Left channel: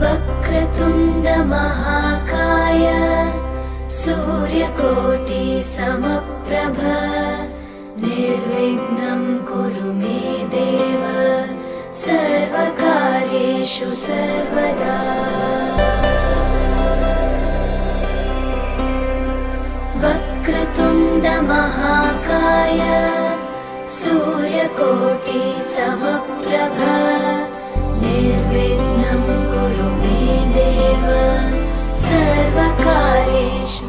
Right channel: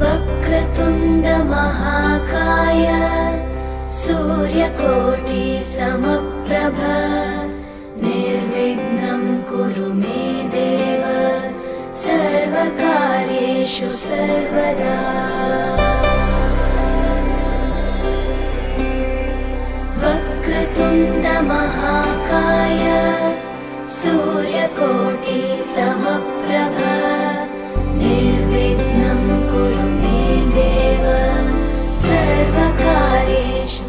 वक्रतुण्ड महाकाय सूर्यकोटि समप्रभ निर्विघ्नं कुरु मे देव सर्वकार्येषु सर्वदा। वक्रतुण्ड महाकाय सूर्यकोटि समप्रभ निर्विघ्नं कुरु मे देव सर्वकार्येषु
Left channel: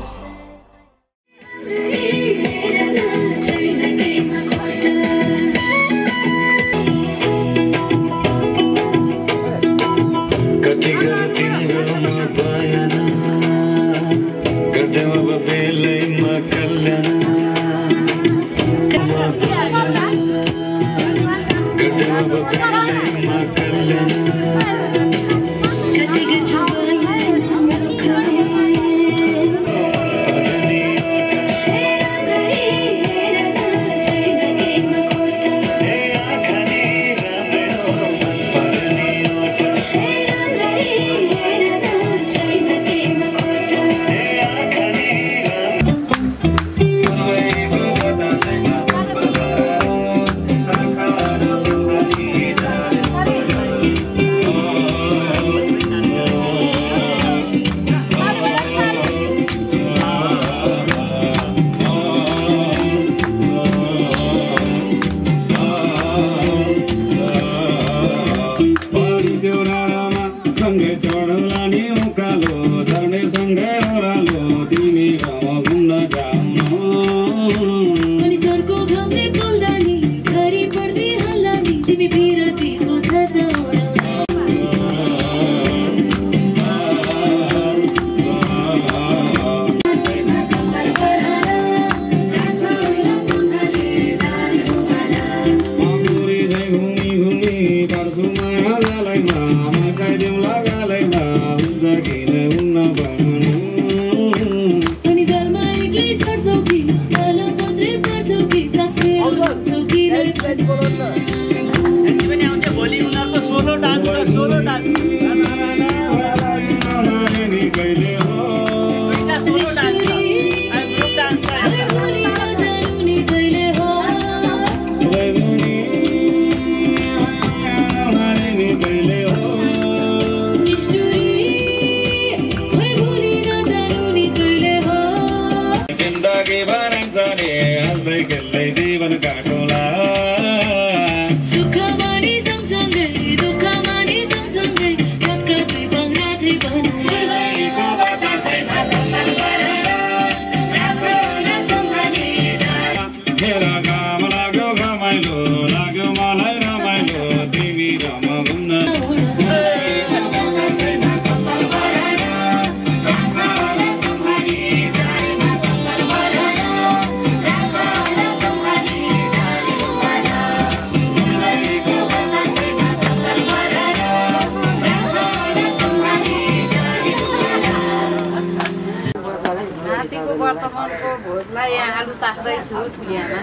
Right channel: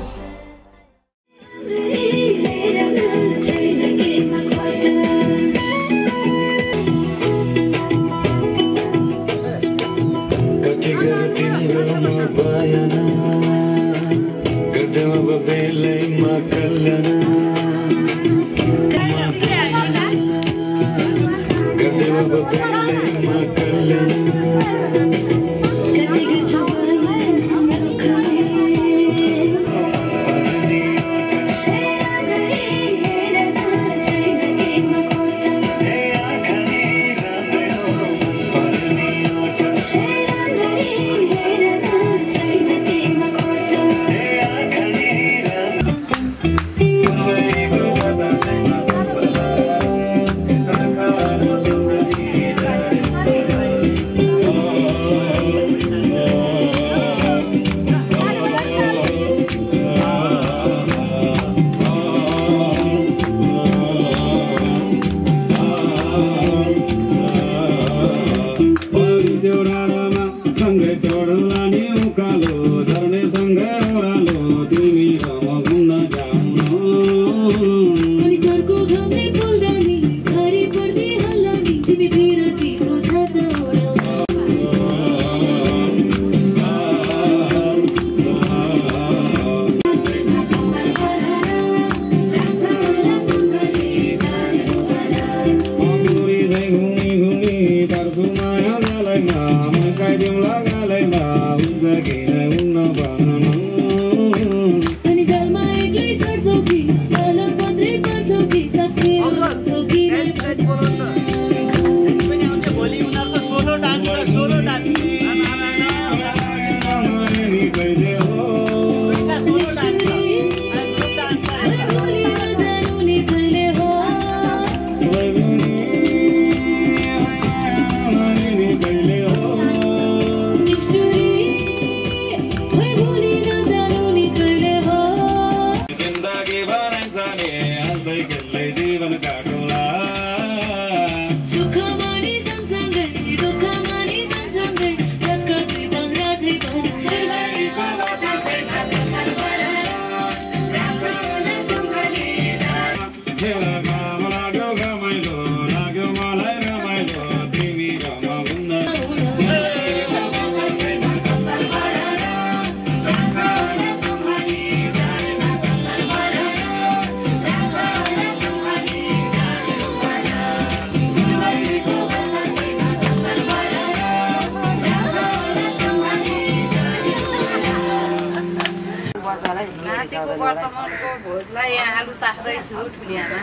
वर्तमानको भोजलाई यहाँ आलु तास्दैछु ठुलियामा।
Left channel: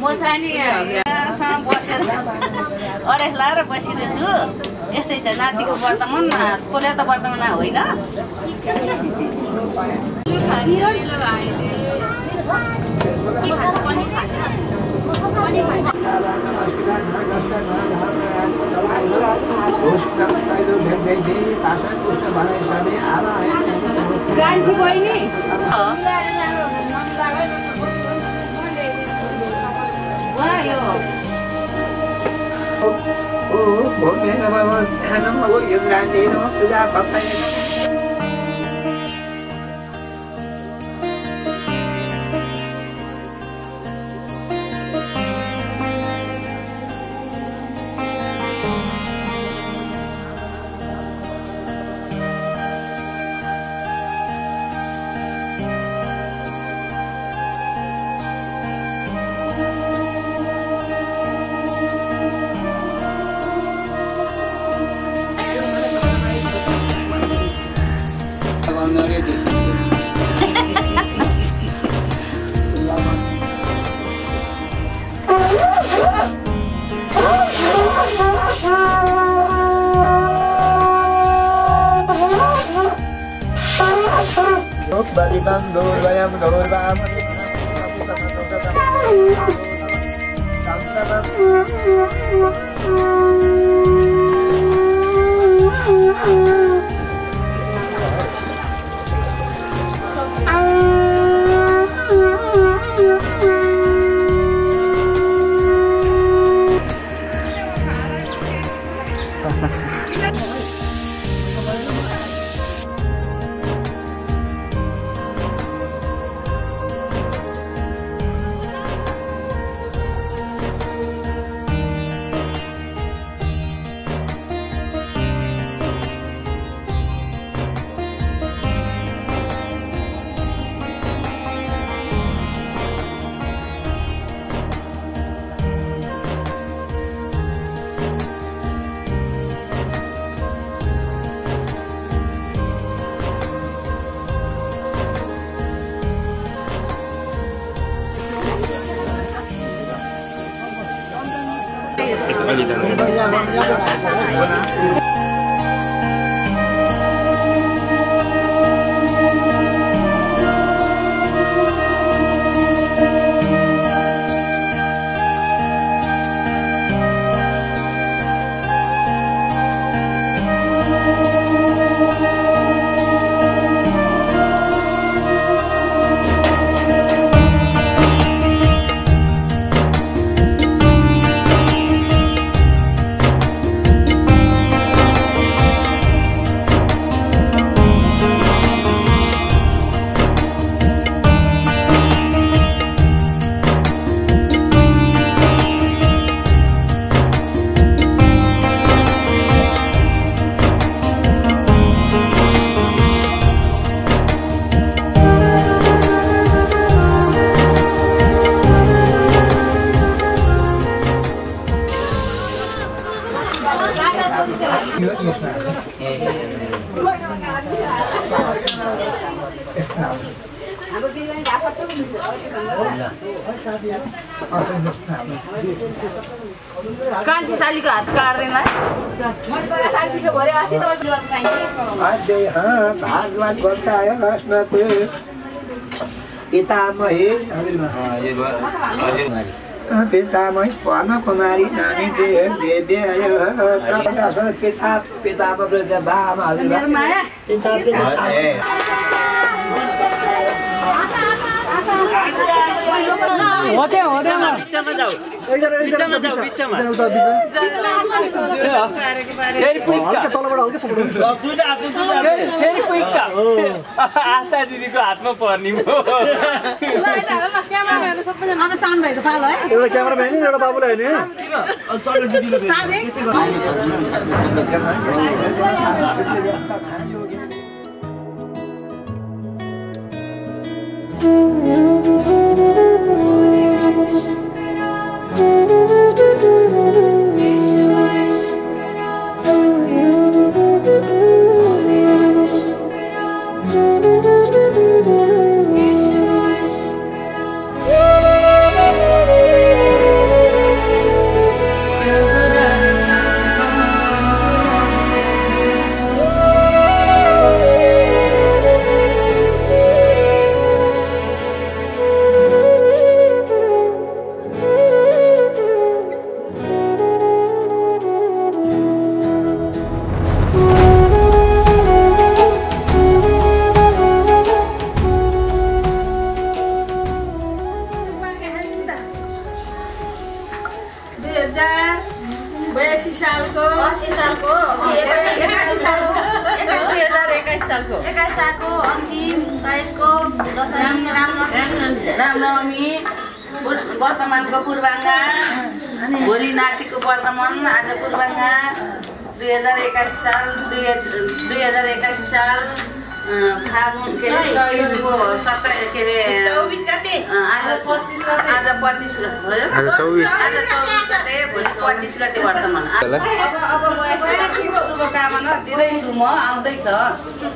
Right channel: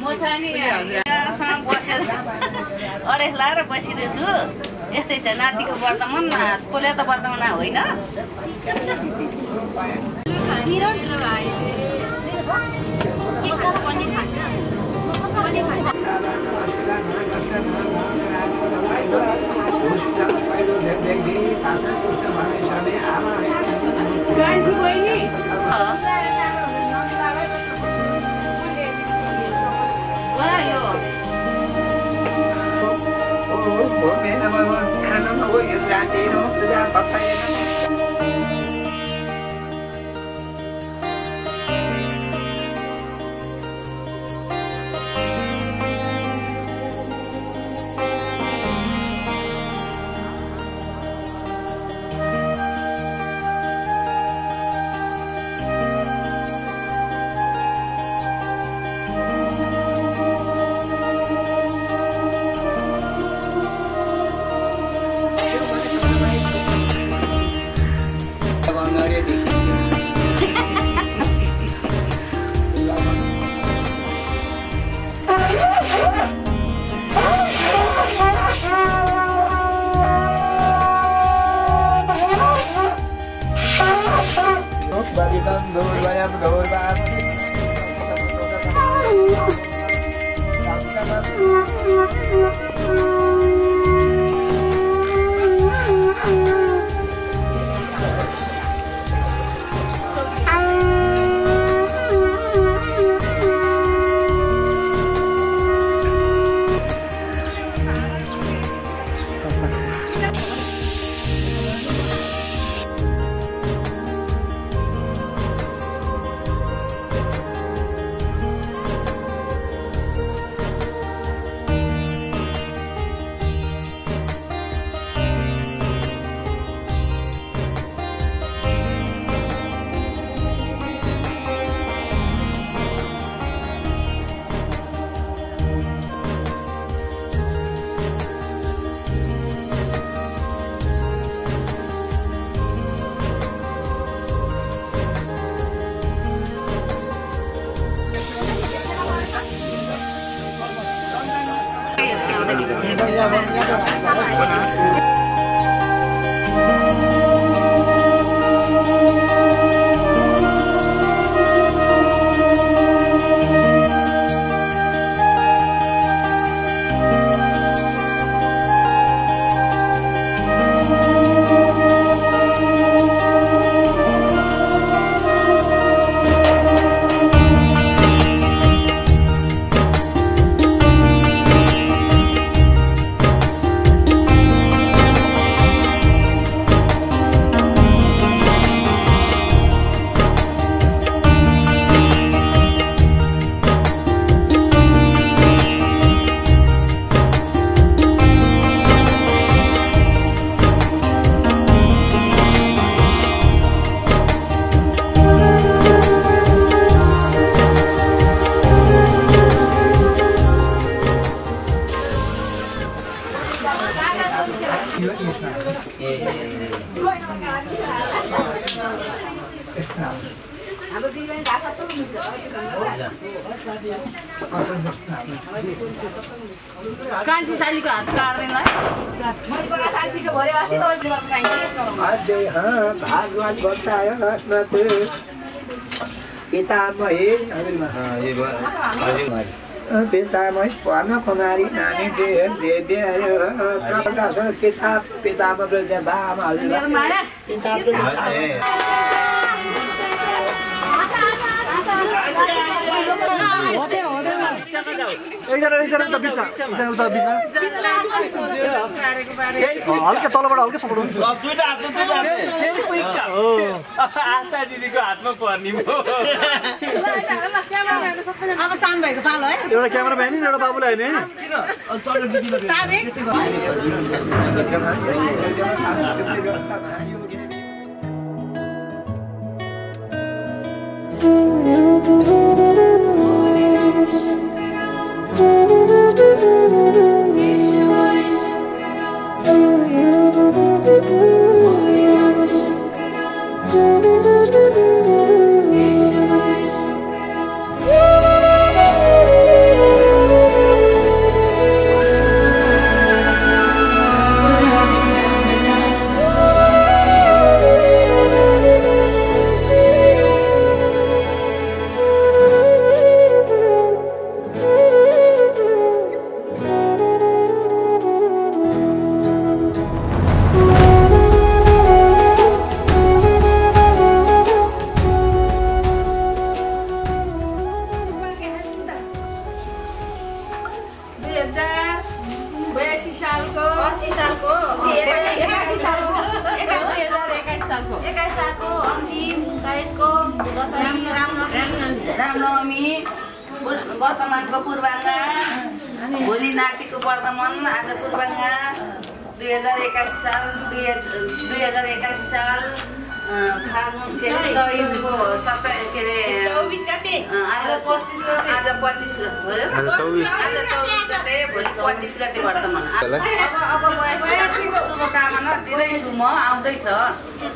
म चाहिँ नि यहाँसँग बसेर अडेस लाएर बसिरहेछु। यस्तै छ नातिको वर्तमान, तोल्या त वर्तमान होइन। गाडी बहिनी कान्छी सालीको हात काट्दैन पितामही पर्ण कुमारी नानी पितामा बामा दिदीको हातमा पर्ने सानो भएको पालो है एउटा क्यामेराम्यान एउटा बाबुलाई वर्तमानको पूर्वाङ्गा भोलि नातिको वर्तमान आज पूर्वाङ्गा 2021 साल 2021 साल फागुन के अरे चैतको 27 के अरे 24 गते आज 25 भयो आज 24 गते भोलि 25 गते वर्तमान अब वैशाख शुभकामना दिँदैछु म आउँदैछ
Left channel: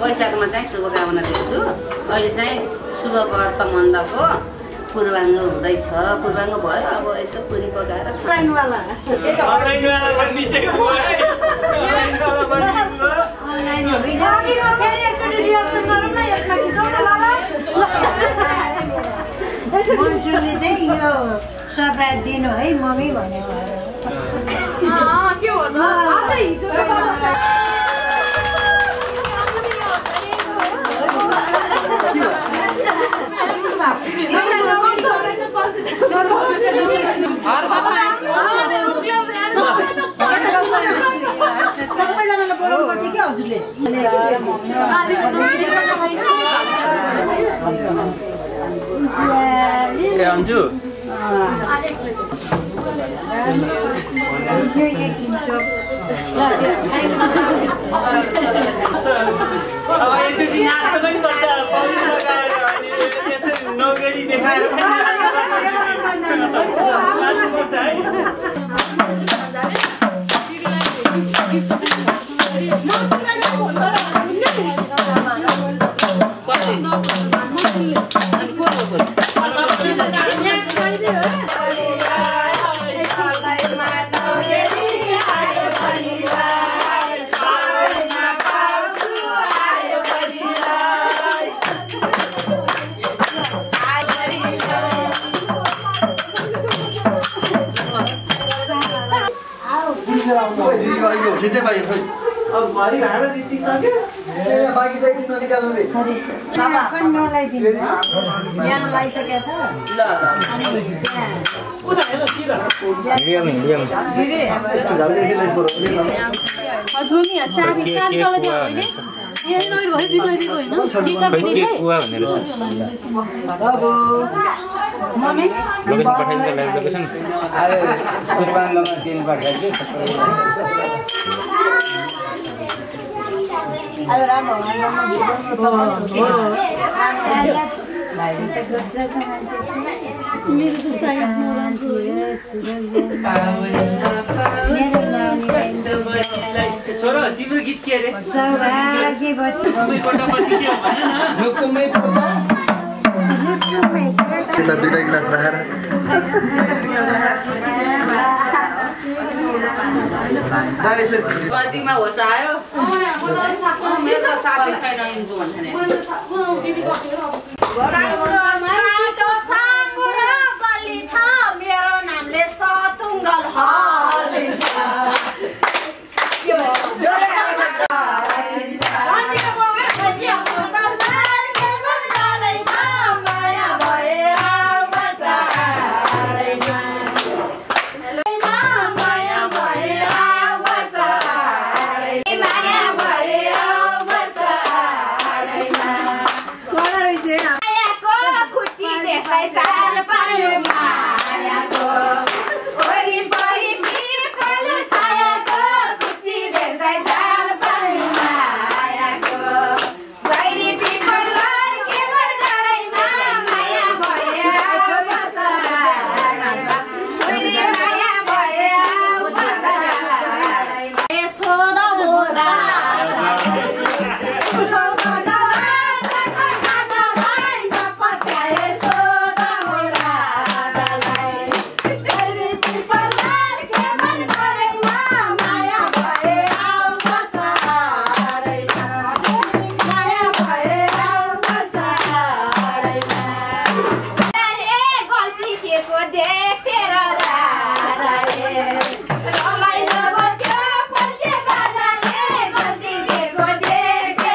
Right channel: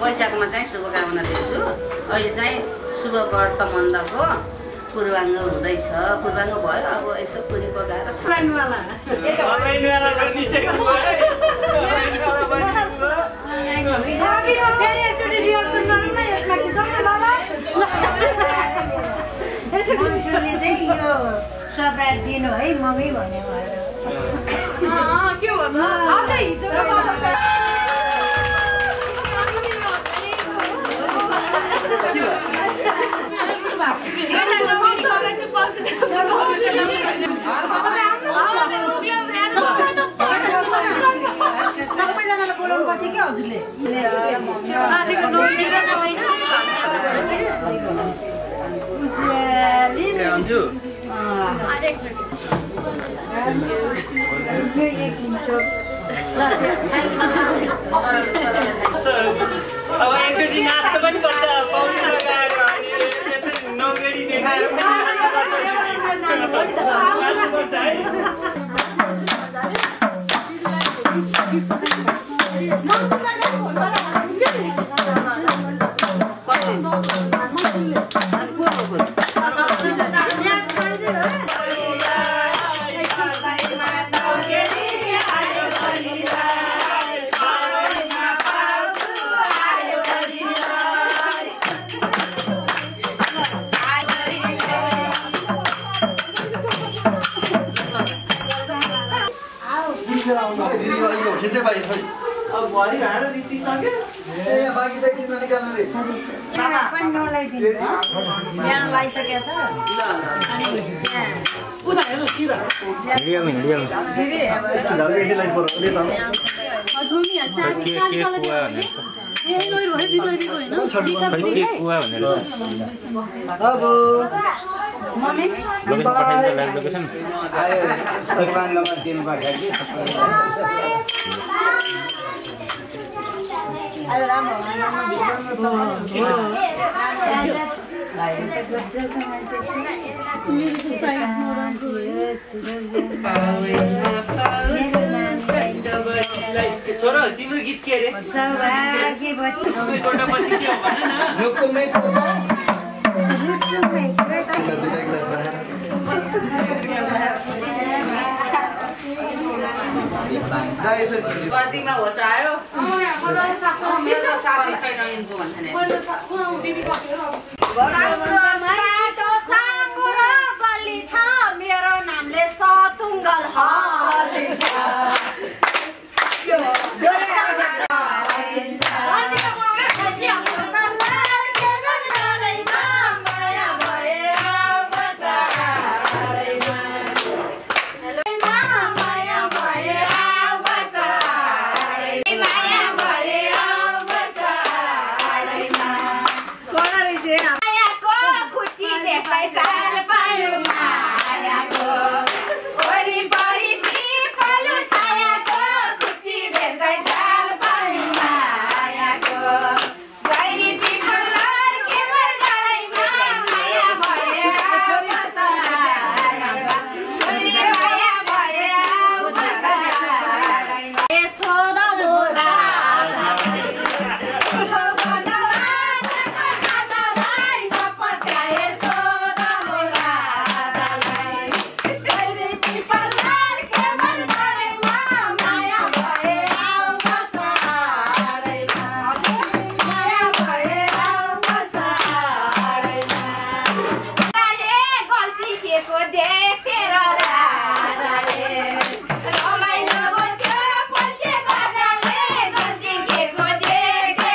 वैशाखमा चाहिँ शुभकामना दिन्छु अहिले चाहिँ शुभ वर्तमानको पूर्वाङ्ग हुँदैछ पूर्वाङ्ग भयो अब यसो पुरी पकाएर फेरि एकचोटि रिहर्सल गरौँ न यसमा खिचौँ न ल दिनु है मम्मी भन्ने के भन्नु आज हिजो सबैजनालाई बोलाउनु पर्छ कि हजुरले अन्जु यो एक किन्छौ ल अब एकचोटि नाच्नु पनि पर्छ पौडी लगाएर अनि यसरी नौगेडी देखाएर नाच्नुपर्छ है छोरा तिम्रो गीत के अरे कतिमा होस आयो मेरो त साथी छैन यिनको भन्छ नि मेरो नामले सतुङ्गल हलिन्छ रमाइलो त्यो पल्चे बाजाले गल्ती दिएको देखे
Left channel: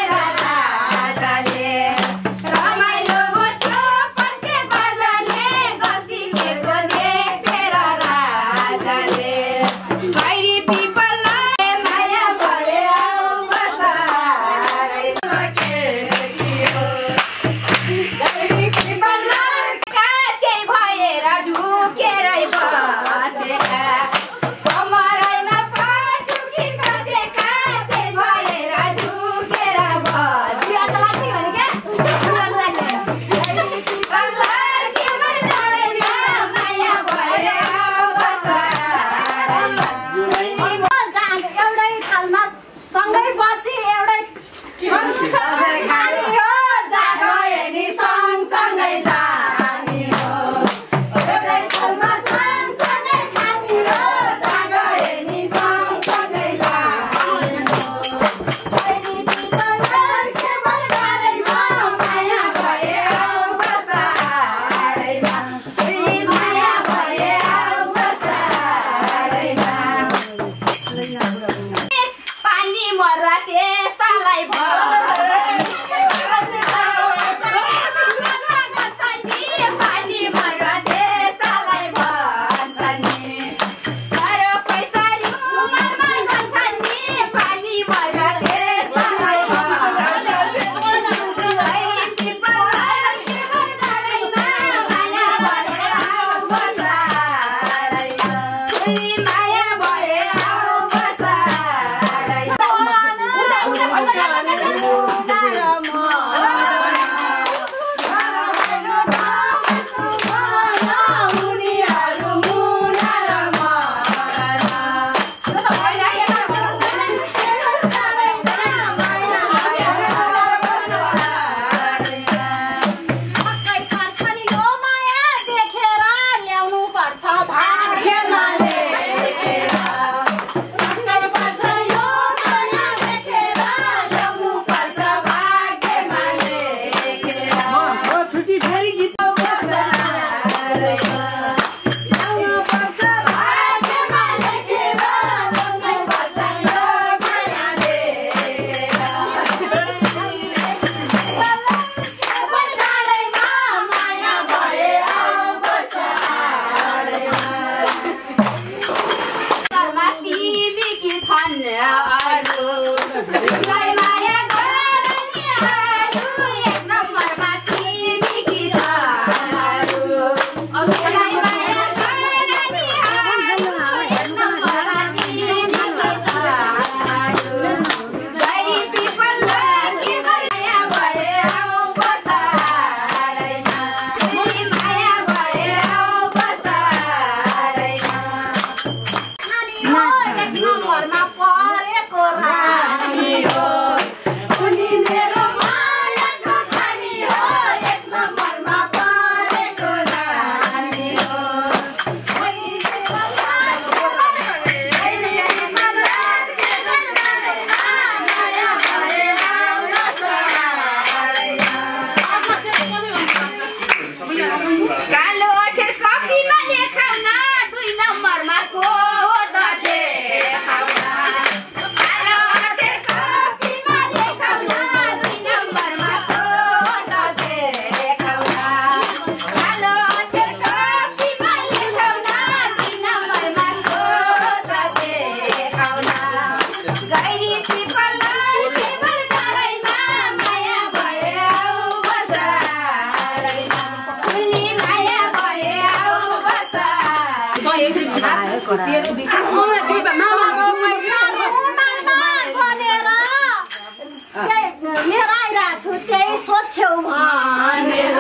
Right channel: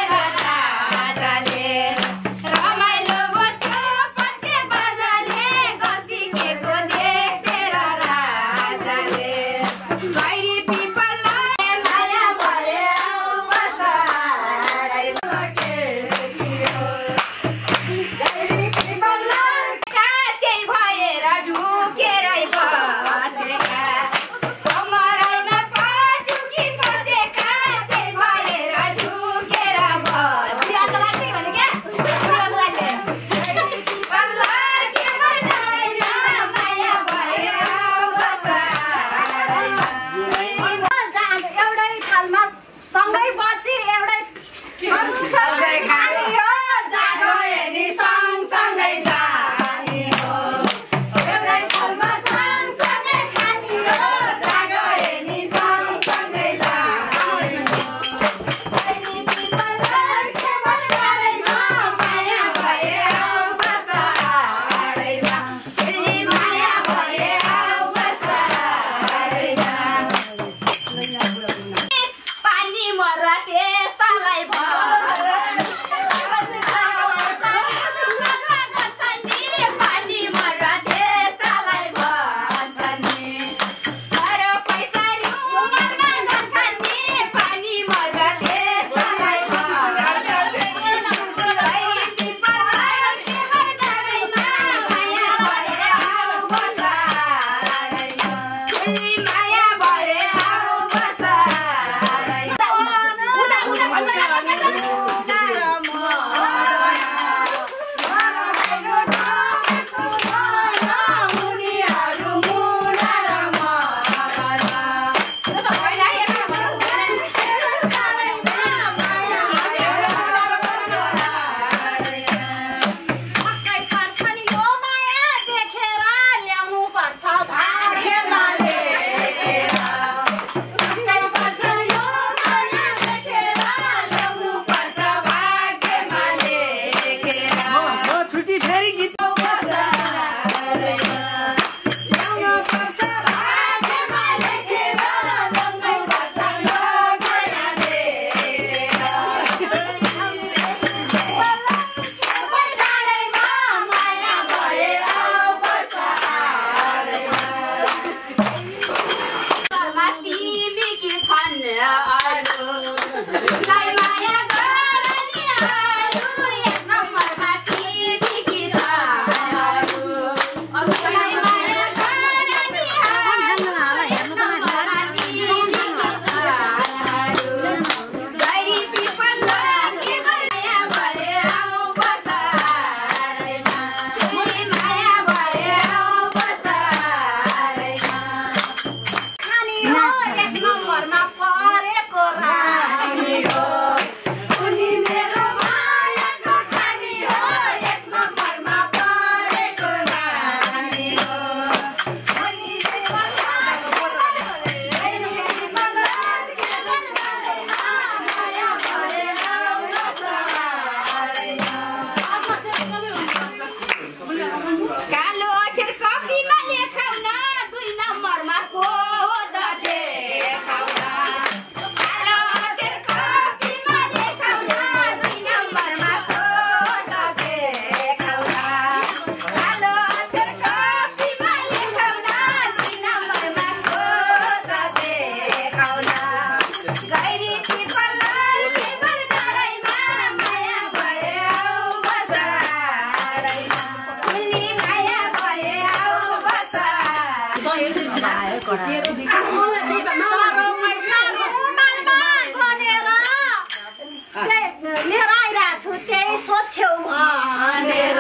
लिएर आइरहेको छु त्यही सोध्छौ भनेर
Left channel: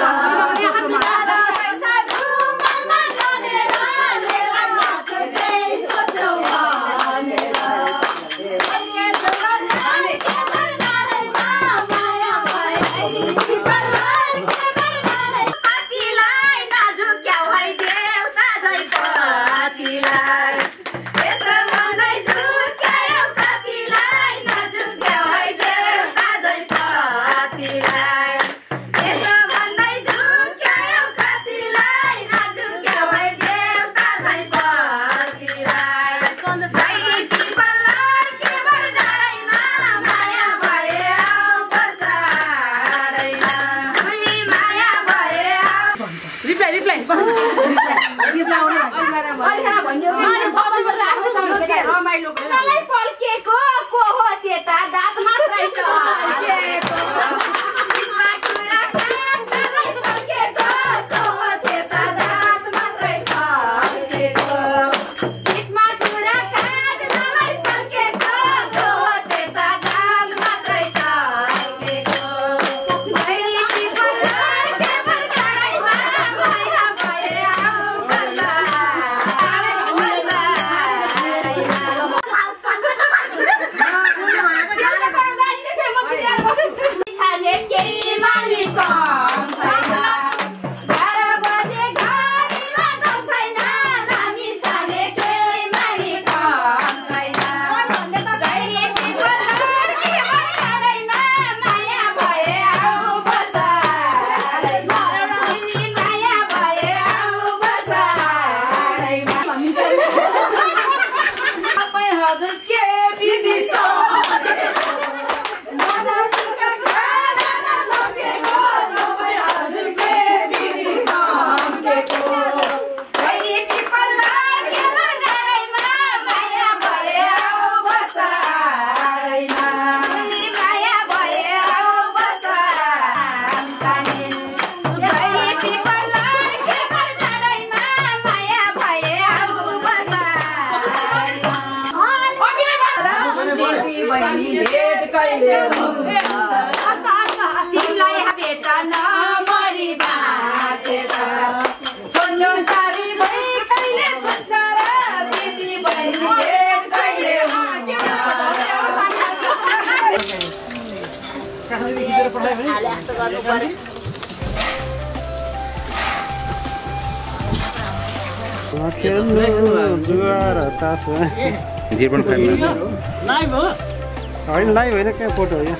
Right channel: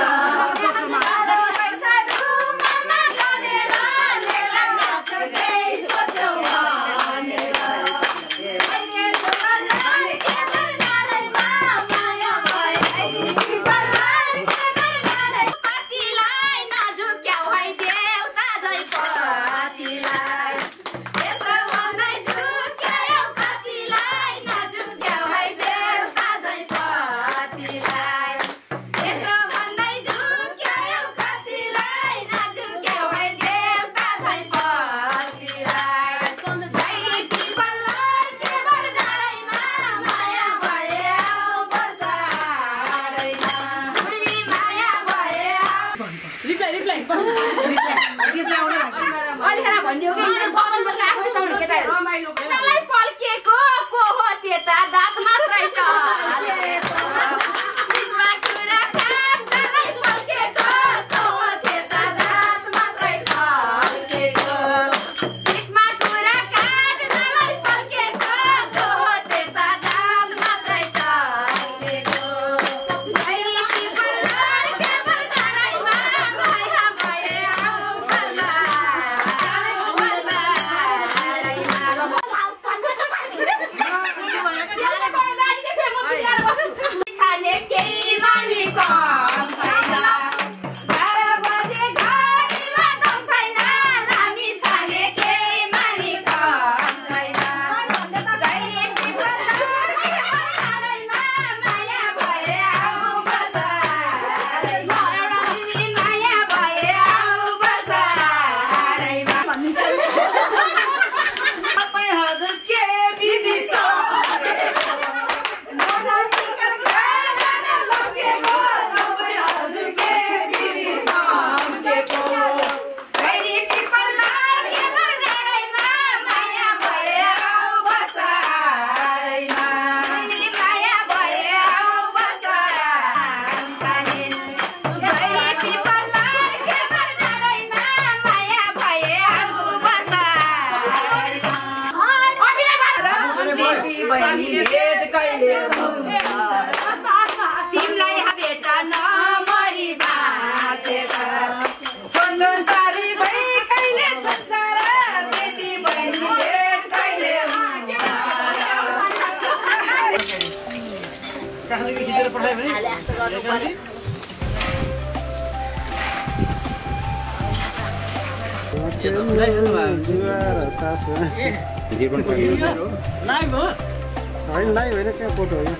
Let's go. काठमाडौँ खिचेर पठायो भने हाले जस्तो गर्नु पर्यो लाइभ हो होइन लाइभ होइन क्या फोटो हो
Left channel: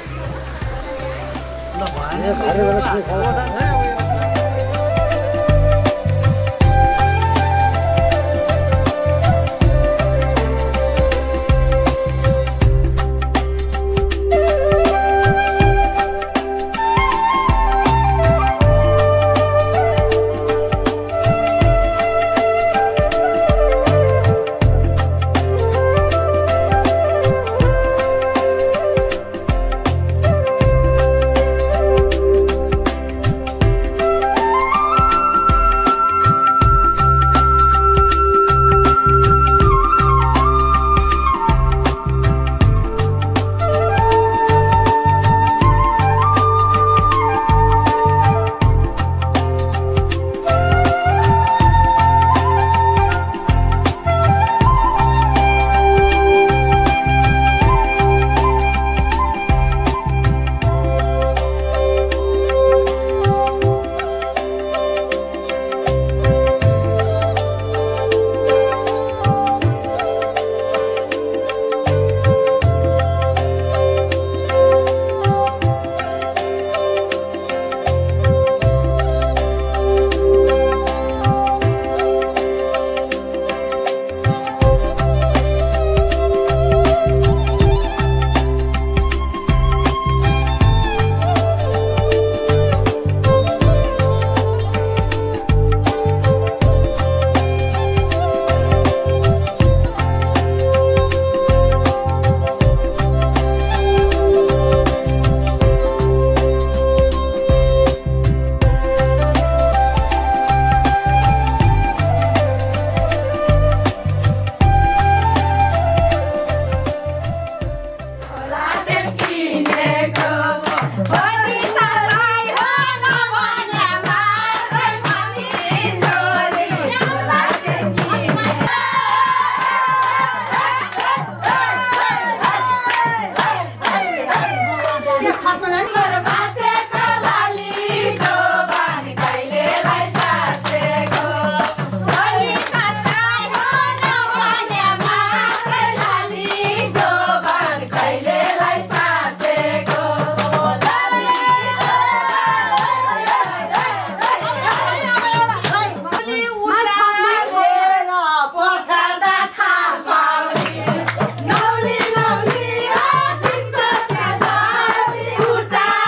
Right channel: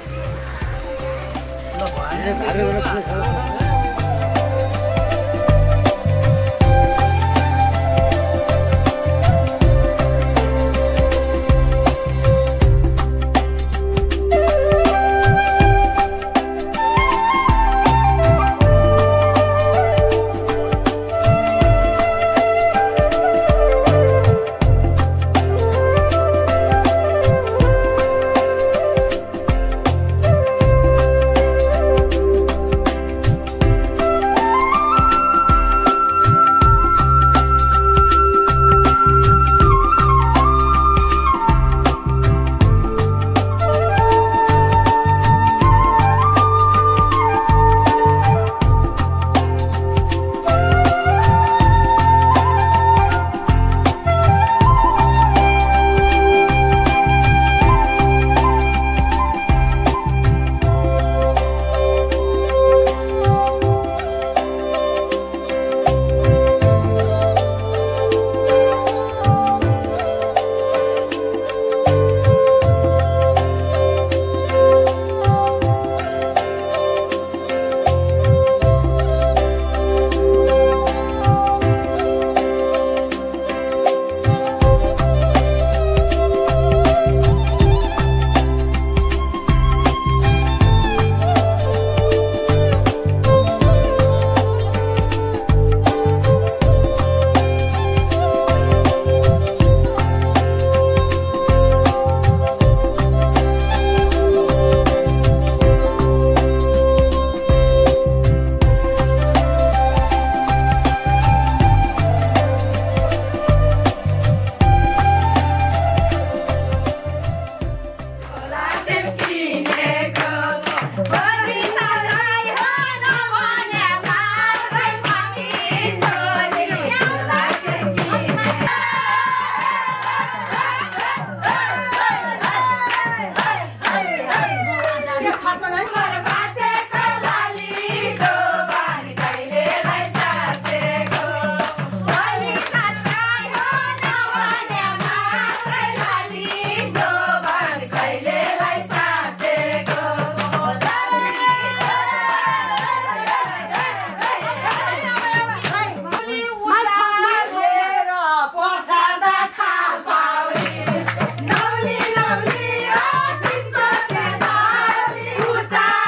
Uta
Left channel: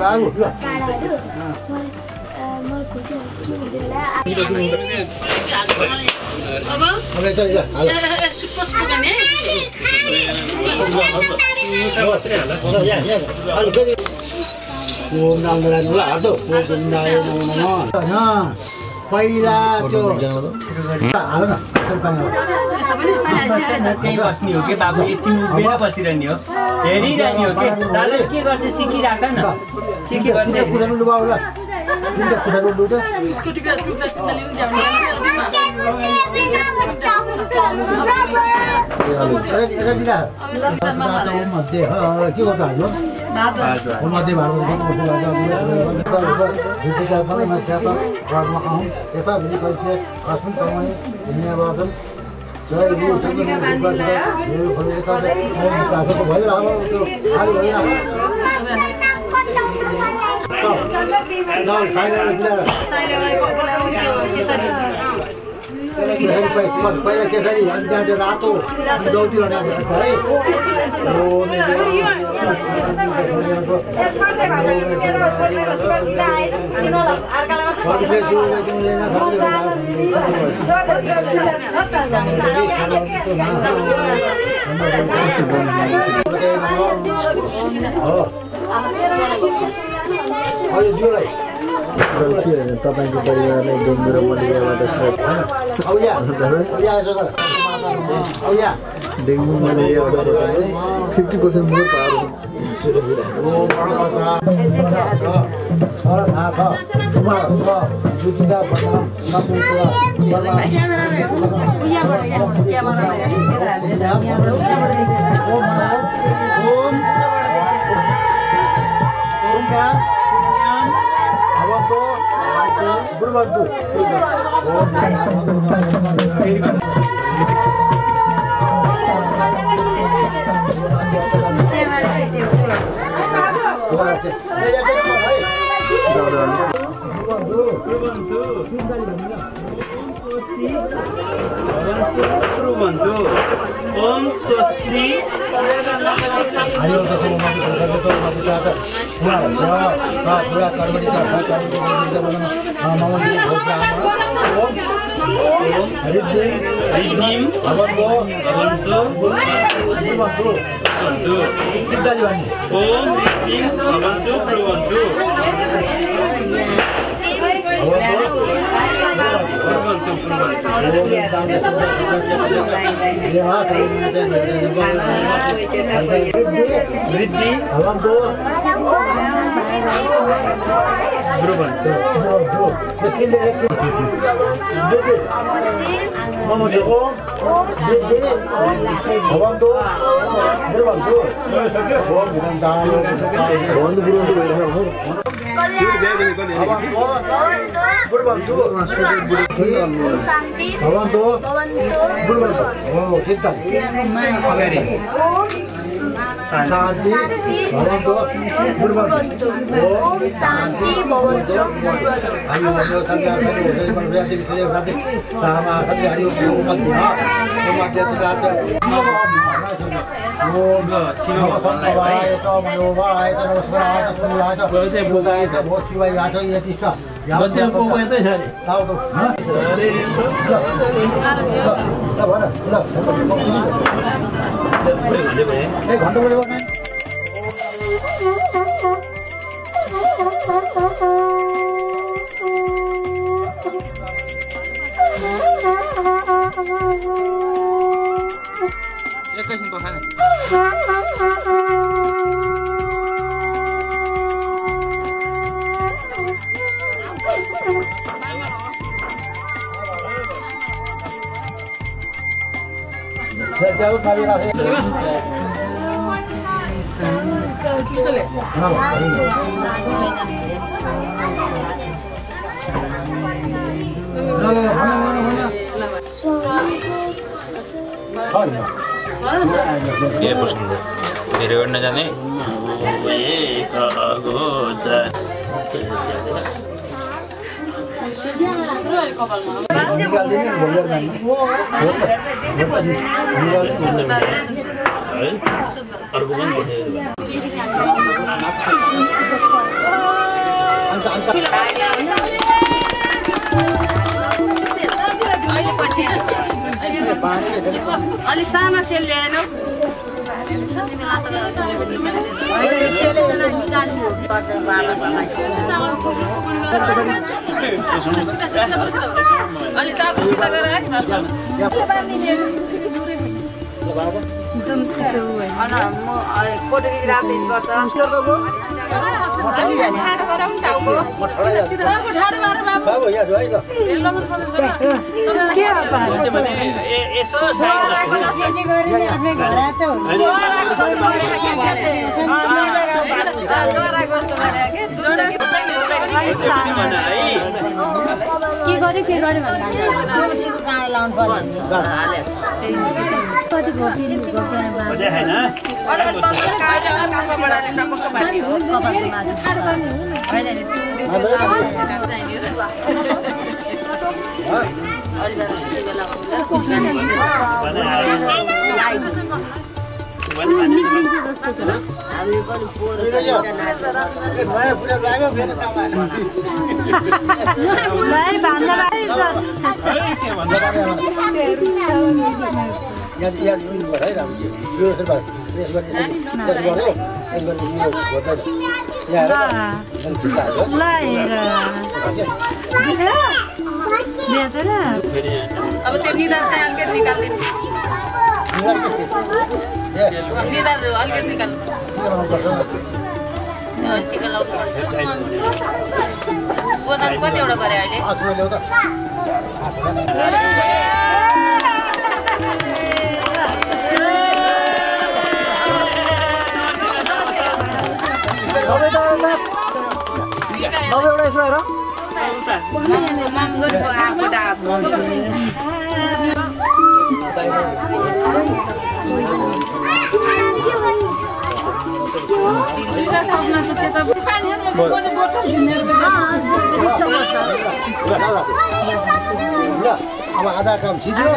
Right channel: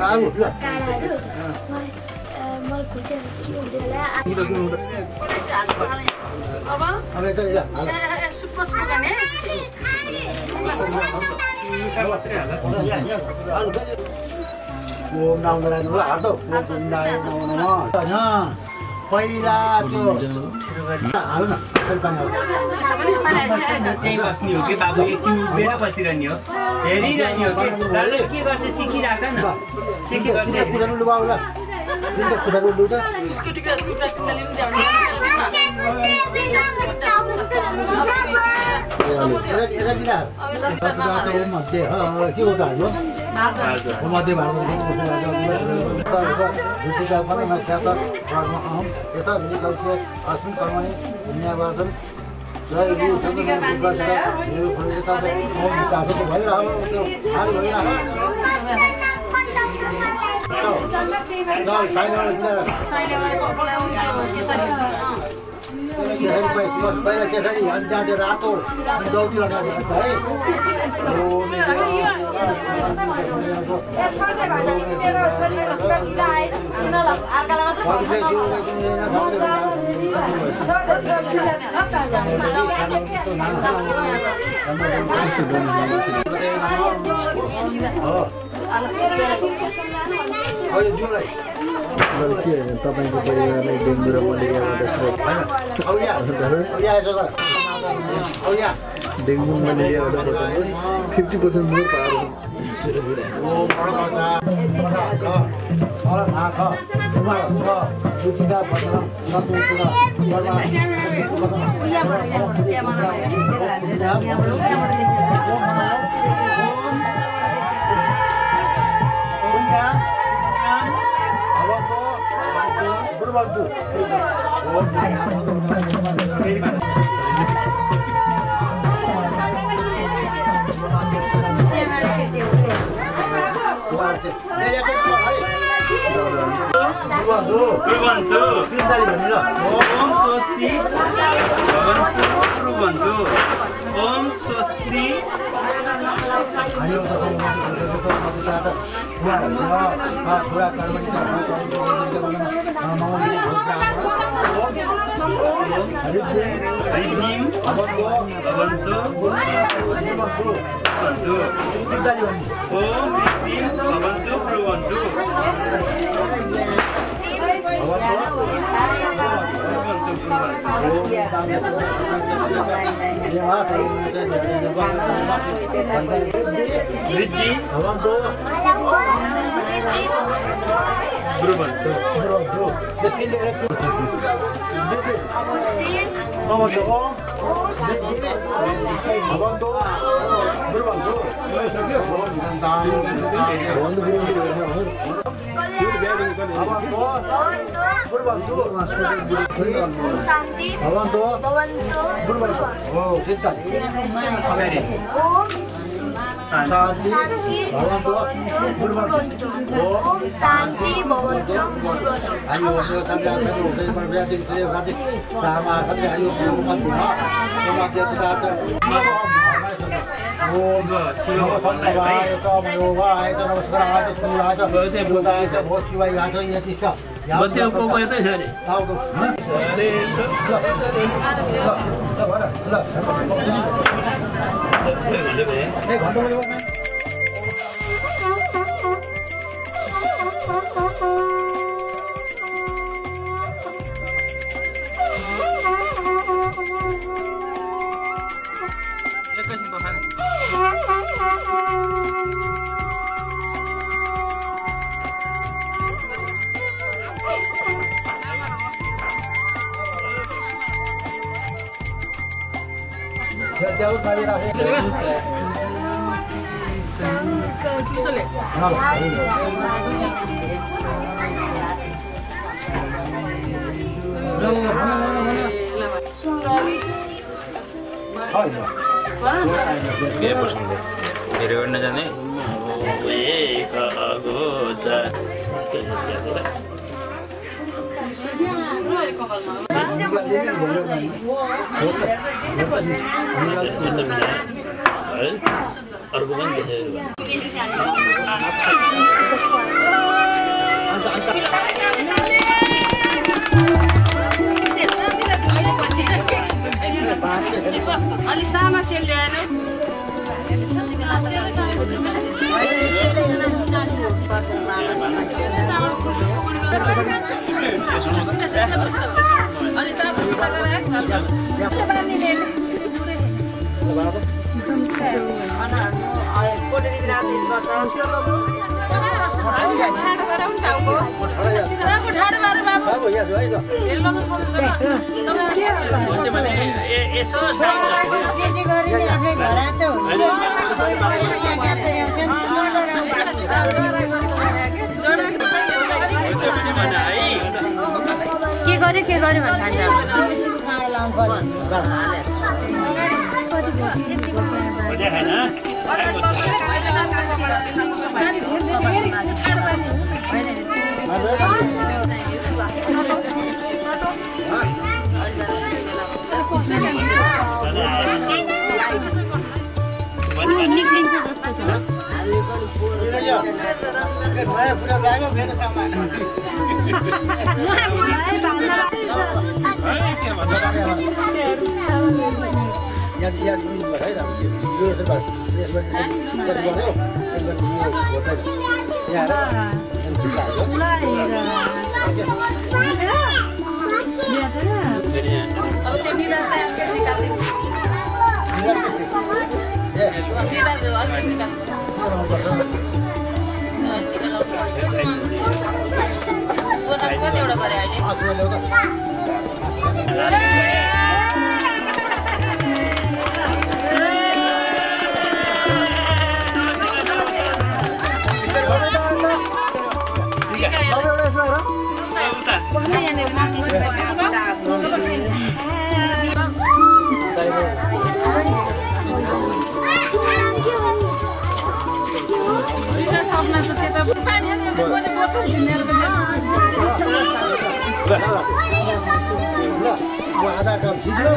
बाबु ल अब चल जा पहिला त्यो हाल न त्यही बस्ने हो कि बाबु एकछिन उभिएर बसिरहने हो हेरिरहने हो कि दाजु के गर्छ सिकिराख न के गर्छ कुदाउनु लुगाउ ल कुदाउनु लु त के गर्छ हाम्रो मध्ये पहिला त्यसरी जान्छ रातो दौडी लगाएर है तपाईँको परिवारलाई डेङ्गु र मलेरियाबाट डेङ्गु मलेरियाबाट 50% more power Berbantu. Om Swasti. के पसन्द धेरै गर्न जाने अर्को पनि अलि सानो सेल ल्याएनौ अलि टापसित गरेर कोटो राज स्पर्श नयाँ पुरा लाग्यो फेरि अब त्यो निदान चाहिँ अलिकति निकाल्दिनु निदान अलिकति निकाल्नु कतिवटा गरे अब आधा काम सिक्यो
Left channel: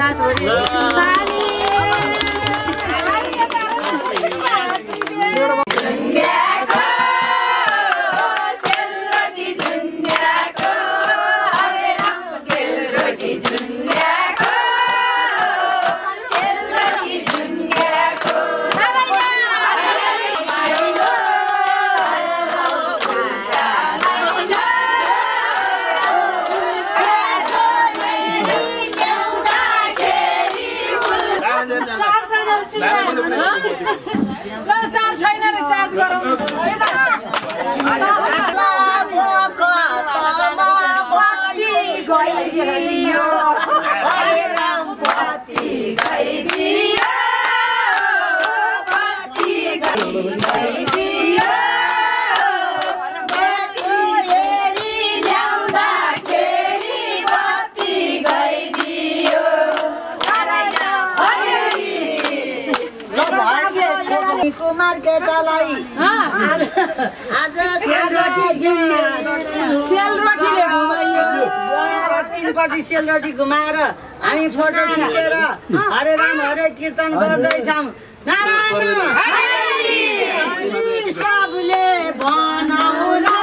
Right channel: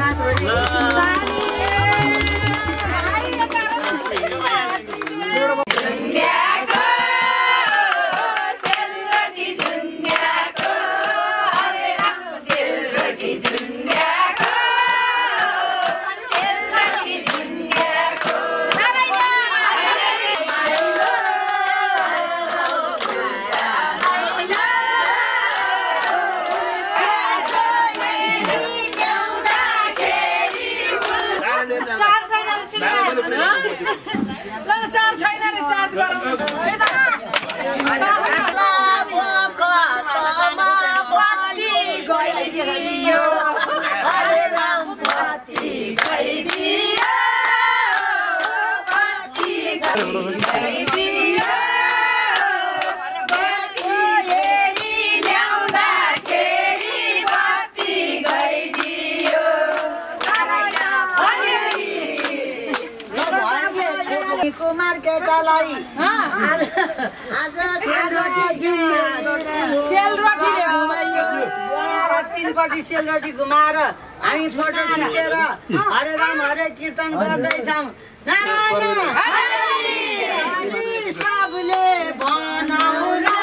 केटालाई आज तीनपट्टि सेलरोटी घुमाएर हामी फोटो खिचेर हरे राम हरे कीर्तन गर्दैछौँ। नारायण सबले बनाउला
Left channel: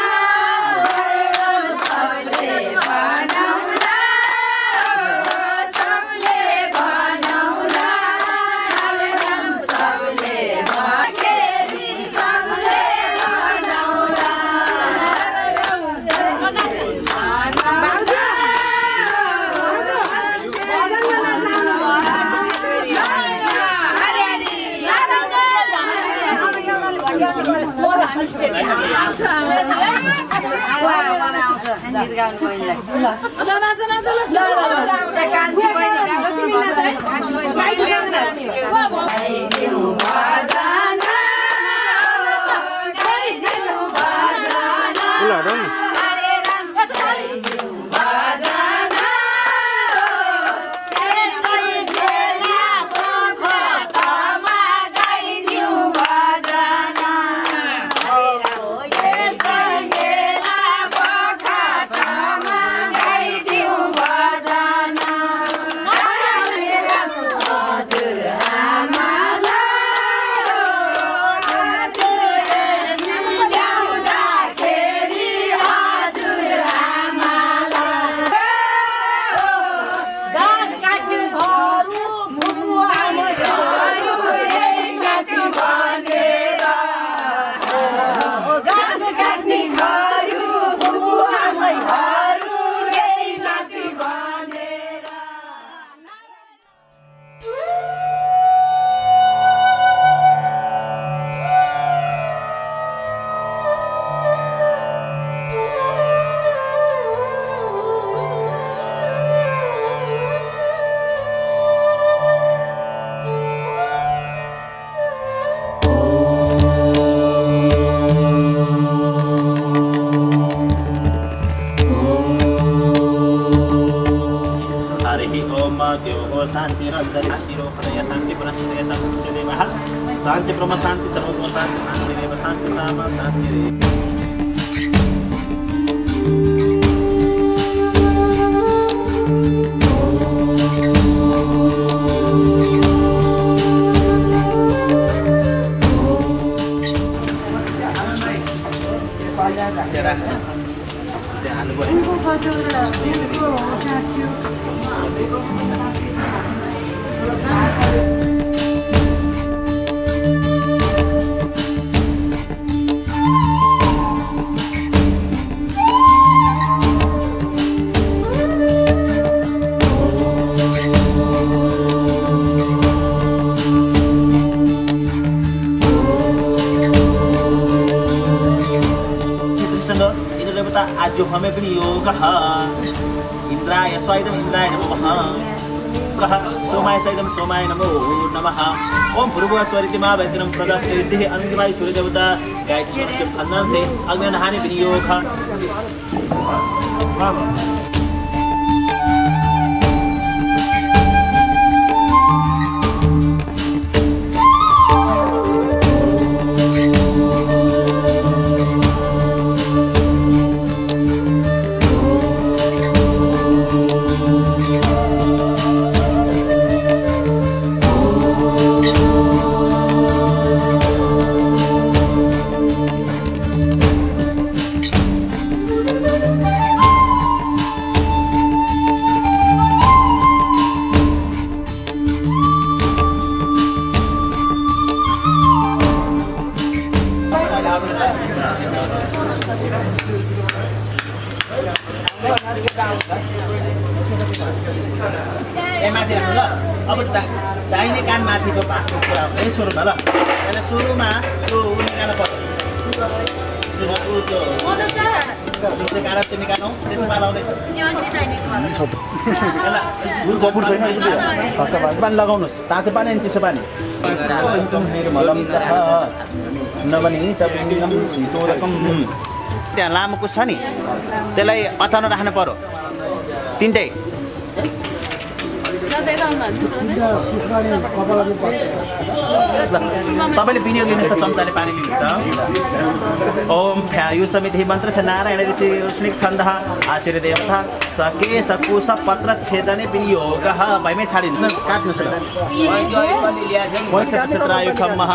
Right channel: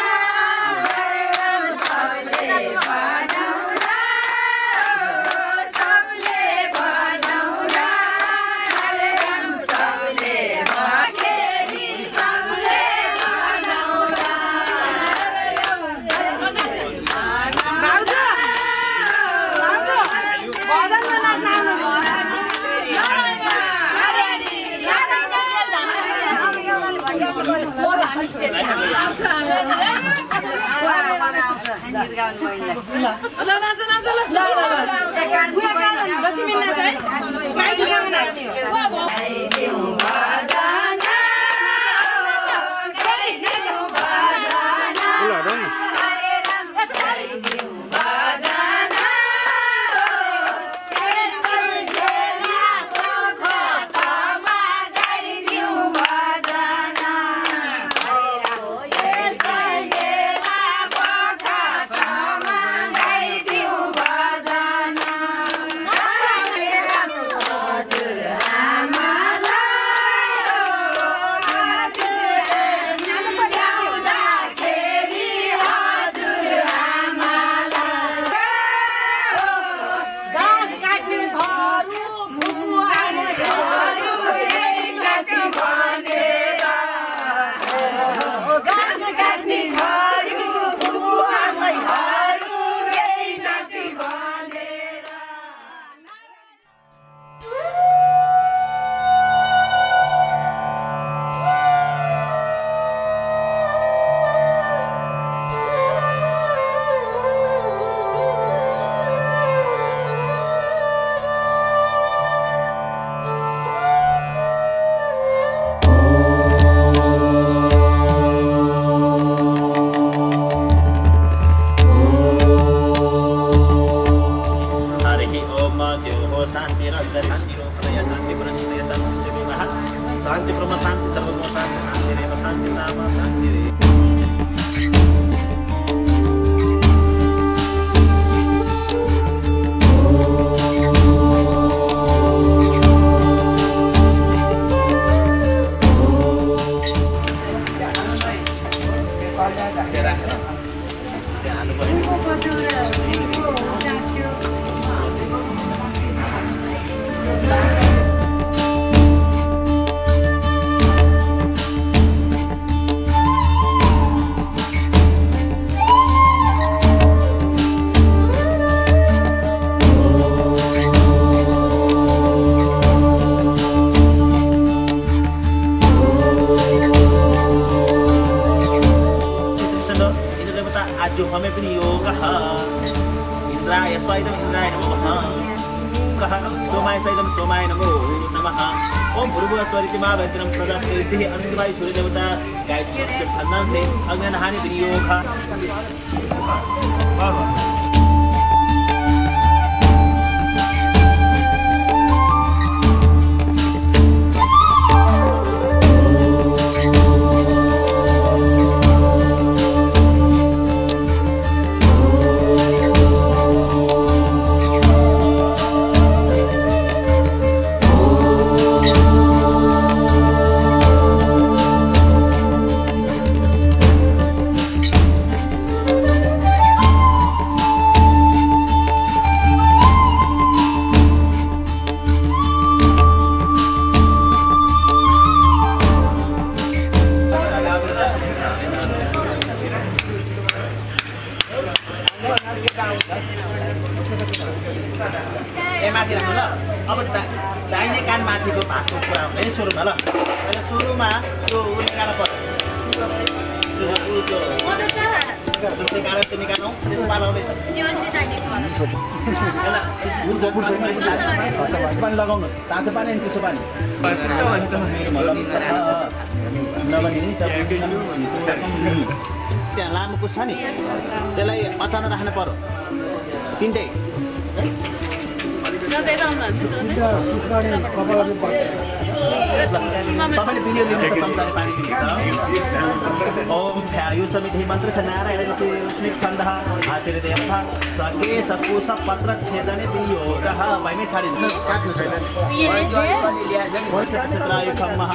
नातिहरू बुबु आमैहरू यही नाति भनेर शान्ति रञ्जरी शान्तिरो हृदय शान्ति पुनः शान्ति देवः शान्ति ब्रह्म शान्ति सर्वो शान्ति शान्ति देव शान्ति सामा शान्ति रे आज हमें पनि योग इंद्राय स्वायदम इंद्राय नमः सोमाय स्वायदम सोमाय नमो नमः ओम भूर्भुवः स्वरितिमा वैद्यम प्रदक्षिणे अनिर्वाय सूर्य देवता गायत्री छंदन से अग्नि नहाने पनि योग अब दाहिने कान माथिको भागको कुरा है सुरुमा ल पहिला सुरुमा त्यो निकाल्नु पर्छ कान त्यो निकाल्नु त्यसमा लाउँदैछ पानी लगाउनुहोस् तातो पानी अनि चिसो पानी त्यहाँ लामो कुछ छ नि त्यसलाई अचानक राख्नु पर्यो तिनटै तपाईँले भिडियो लिनु त चम्चाले पानी लिनु ओम ख्यायु समिति मन्त्र छ नारायण ऋषि स्निक छन्दः आशीर् देवता सके सकुश पत्र छेदने वियोगः भइमै छाडिनु काट्नु क्षेत्रायुखम्मः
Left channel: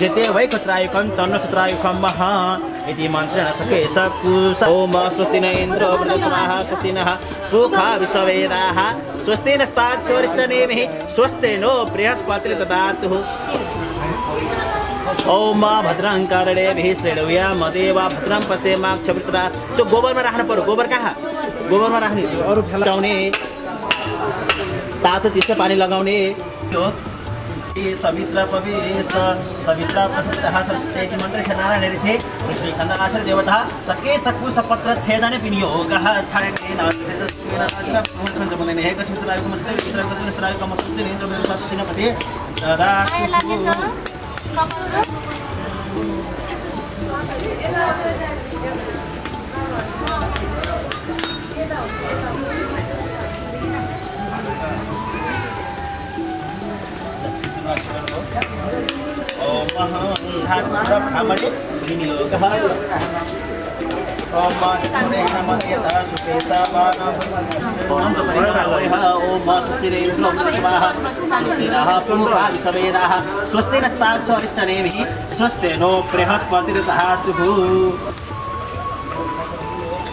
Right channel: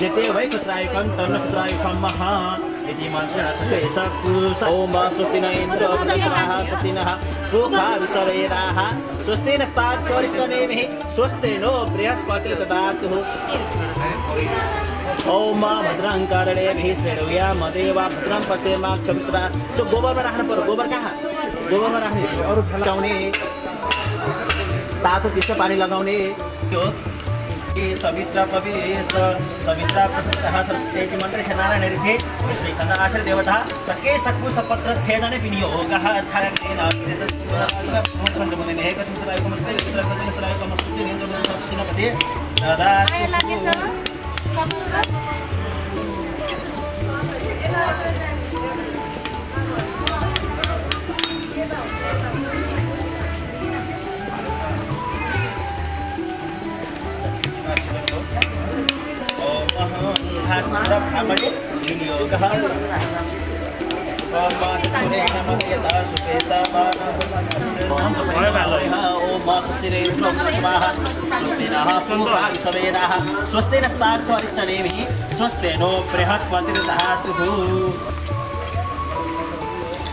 जेते वै क्षेत्रायुखं तन्न क्षेत्रायुखम्मः इति मन्त्रेण सके सकुश ओम स्वस्ति न इन्द्रो वृषभाः स्वस्ति नः पूषा विश्ववेदाः स्वस्ति नस्ताच्छोरिष्टनेमिः स्वस्ति नो बृहस्पतिर्ददातु ओम भद्रं कर्णेभिः शृणुयाम देवा भद्रं पश्येमाक्षभिर्यजत्राः त्यो गोबरमा राख्नु पर्यो गोबर कहाँ गोबरमा राख्ने अरू फलाउने तातो चिसो पानी लगाउने हो सवित्र पवित्र सवित्र प्रसन्नः सरस्वती मन्त्र नारायण ऋषि विष्णु छन्दनाशर देवता सके सकुश पत्र छेदने विनियोगः छायतेन हे कस्मिंश्रायको मस्ते वित्रकस्रायको मस्ते इन्द्रमेन सस्तिनपति तदा स्वस्ति नस्ताच्छोरिष्टनेमिः स्वस्ति नो बृहस्पतिर्ददातु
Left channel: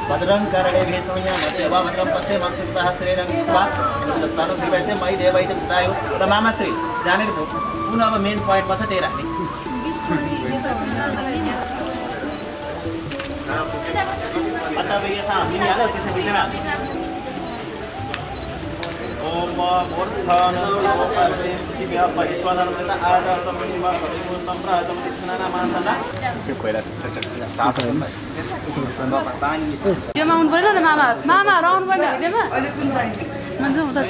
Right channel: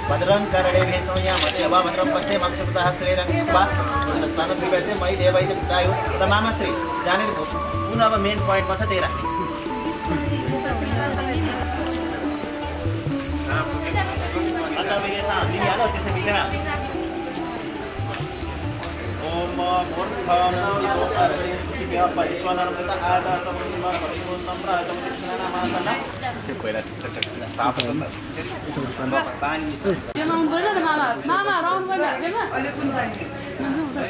भद्रं कर्णेभिः शृणुयाम देवा भद्रं पश्येमाक्षभिर्यजत्राः स्त्रीरङ्गस्वा विश्वस्तानं विपरीते मयि देवैतं सुतायु र मामाश्री जानेर पुनः अब मेन पोइन्टमा छ त्यही राख्ने बेगेसा मिलिहाल्यो त्यसै बिचमा ओम मूर्धन पृथ्वी परिस्वनर्मृत आदातमनिमा परिमोस्तम्र आदमतिक्षणना मासना त्यो कोइला ताप पानी यो माउन पर्दैन न मामा मामा राउन्ड गर्न हुँदैन अहिले कुन चाहिन्छ मन्जु उता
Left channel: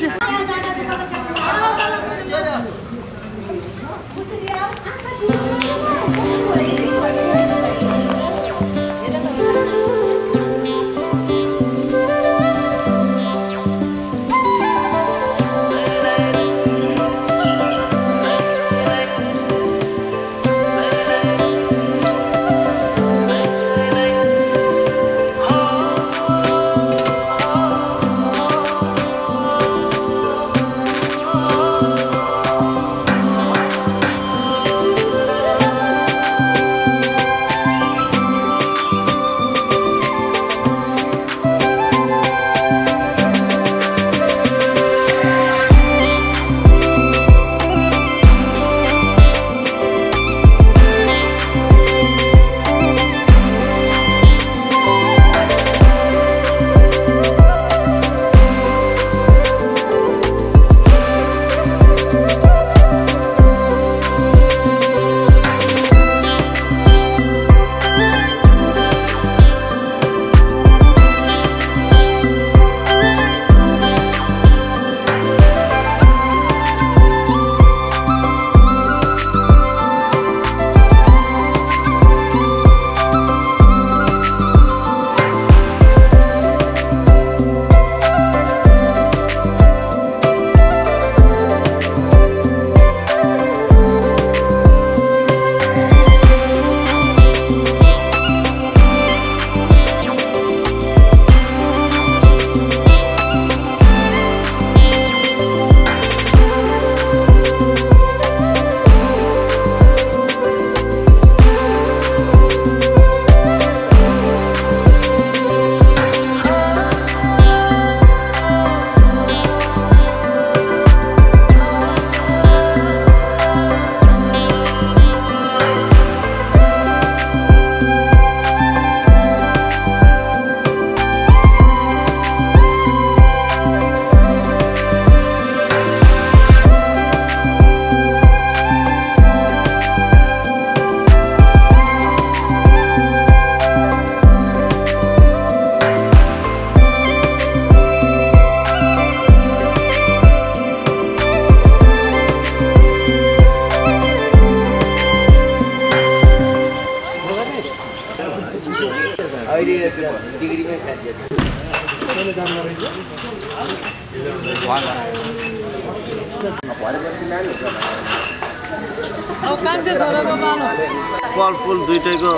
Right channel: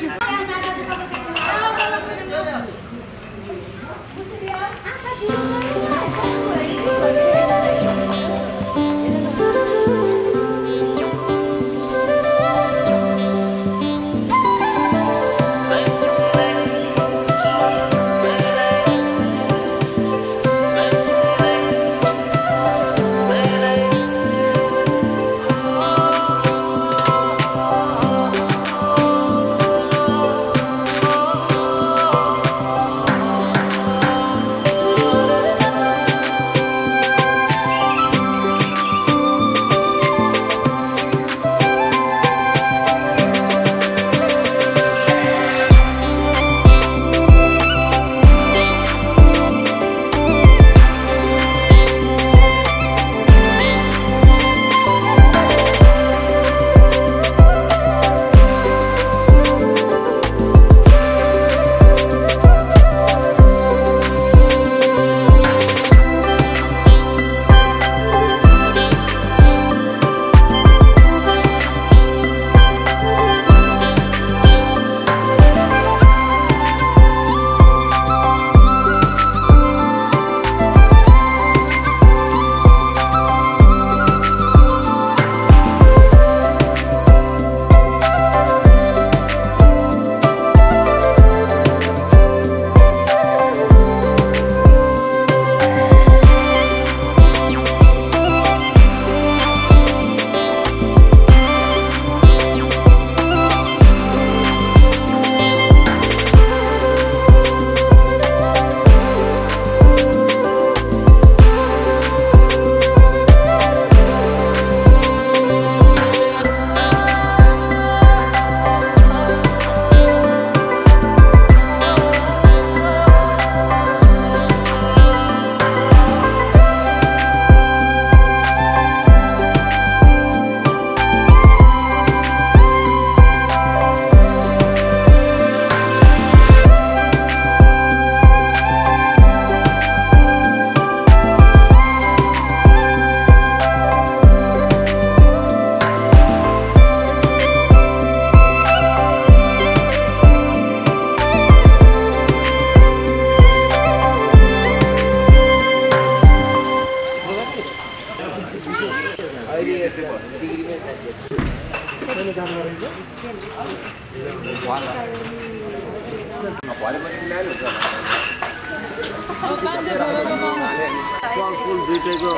फल दुईटैको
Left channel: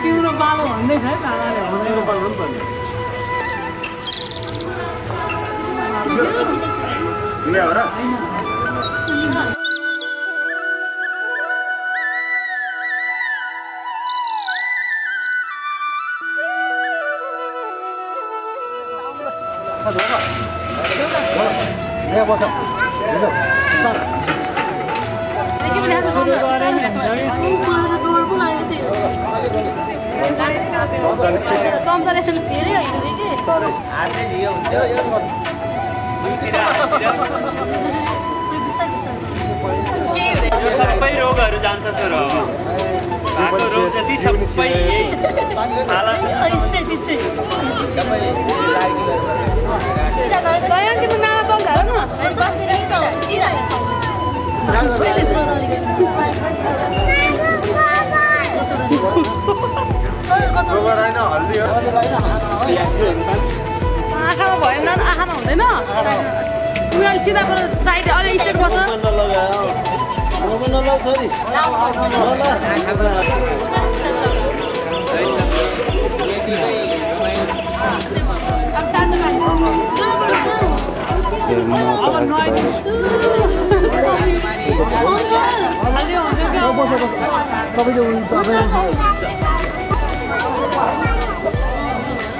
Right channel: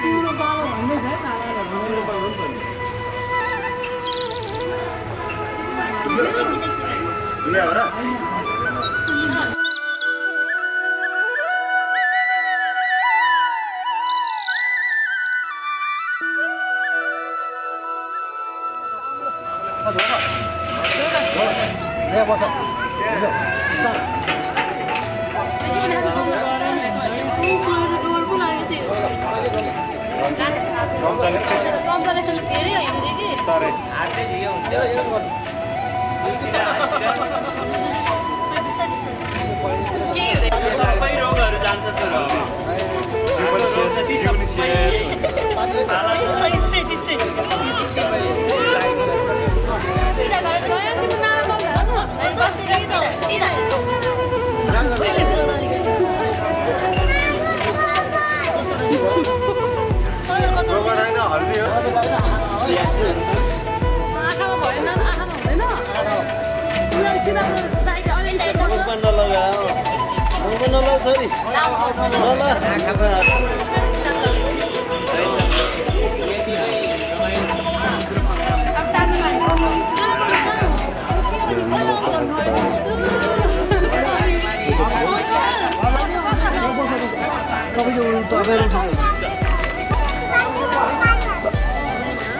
तिम्रो बालो भन्दै छ तिम्रो बालो पनि दुनिया हो र सबै रोगहरू जान्छ सर भएको रोग जति सबै आँखामा भएन आँखामा हुँदैन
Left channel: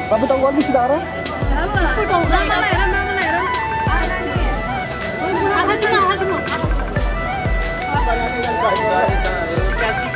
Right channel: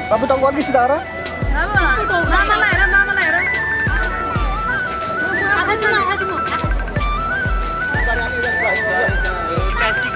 Kamu tahu lagi saudara? kasih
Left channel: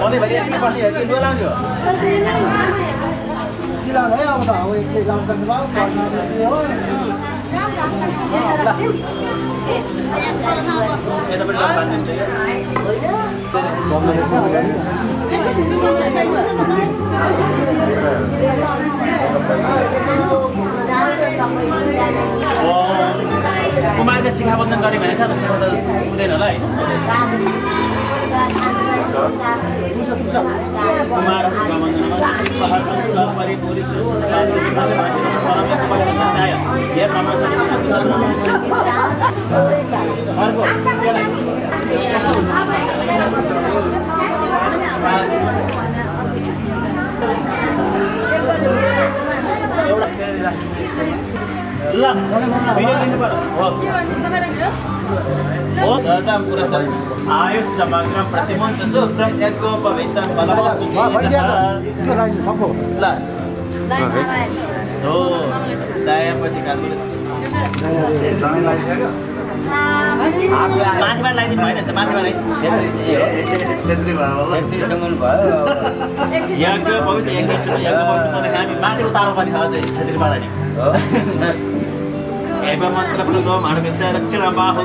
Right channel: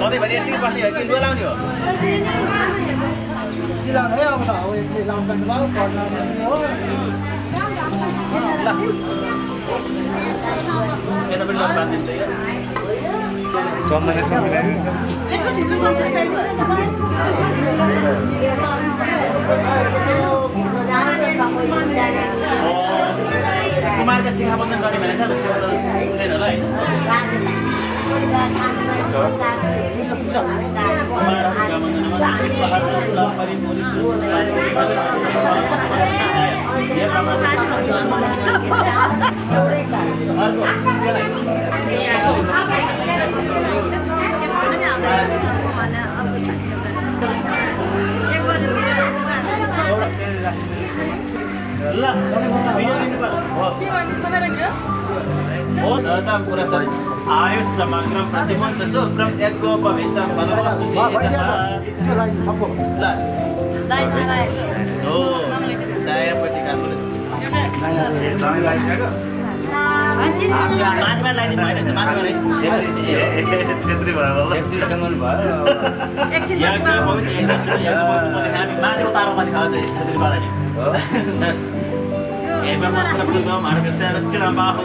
सधैँभरि यति बस्ने हो कि लुगा लाउने हो सिलाउनु है अब त अब एकले लाउनु पर्नुभयो पढ्नु हो यता पनि लग बाँधिन्छ कुमारका शिखाबन्धन गर्ने भनेको छ शिखा त हुँदैन होला होइन कुमार शिखाबन्धनमा ल भिडियो लिनु पर्यो सहजाम पुरस्कार आयुष समग्रम प्रतिमन्त्र शुक्रम यज्ञो पवित्रम बलवत्ति ल हो दायाँपट्टि काट्नु माथिबाट लगाइदिनु भएन माथिबाट छेत्रीसँग भयो यज्ञ पवित्र माथि उतारो पनि अझै छेत्रीबाट नि एवं मंत्र प्रदो मार्गस्य रक्षण बाहु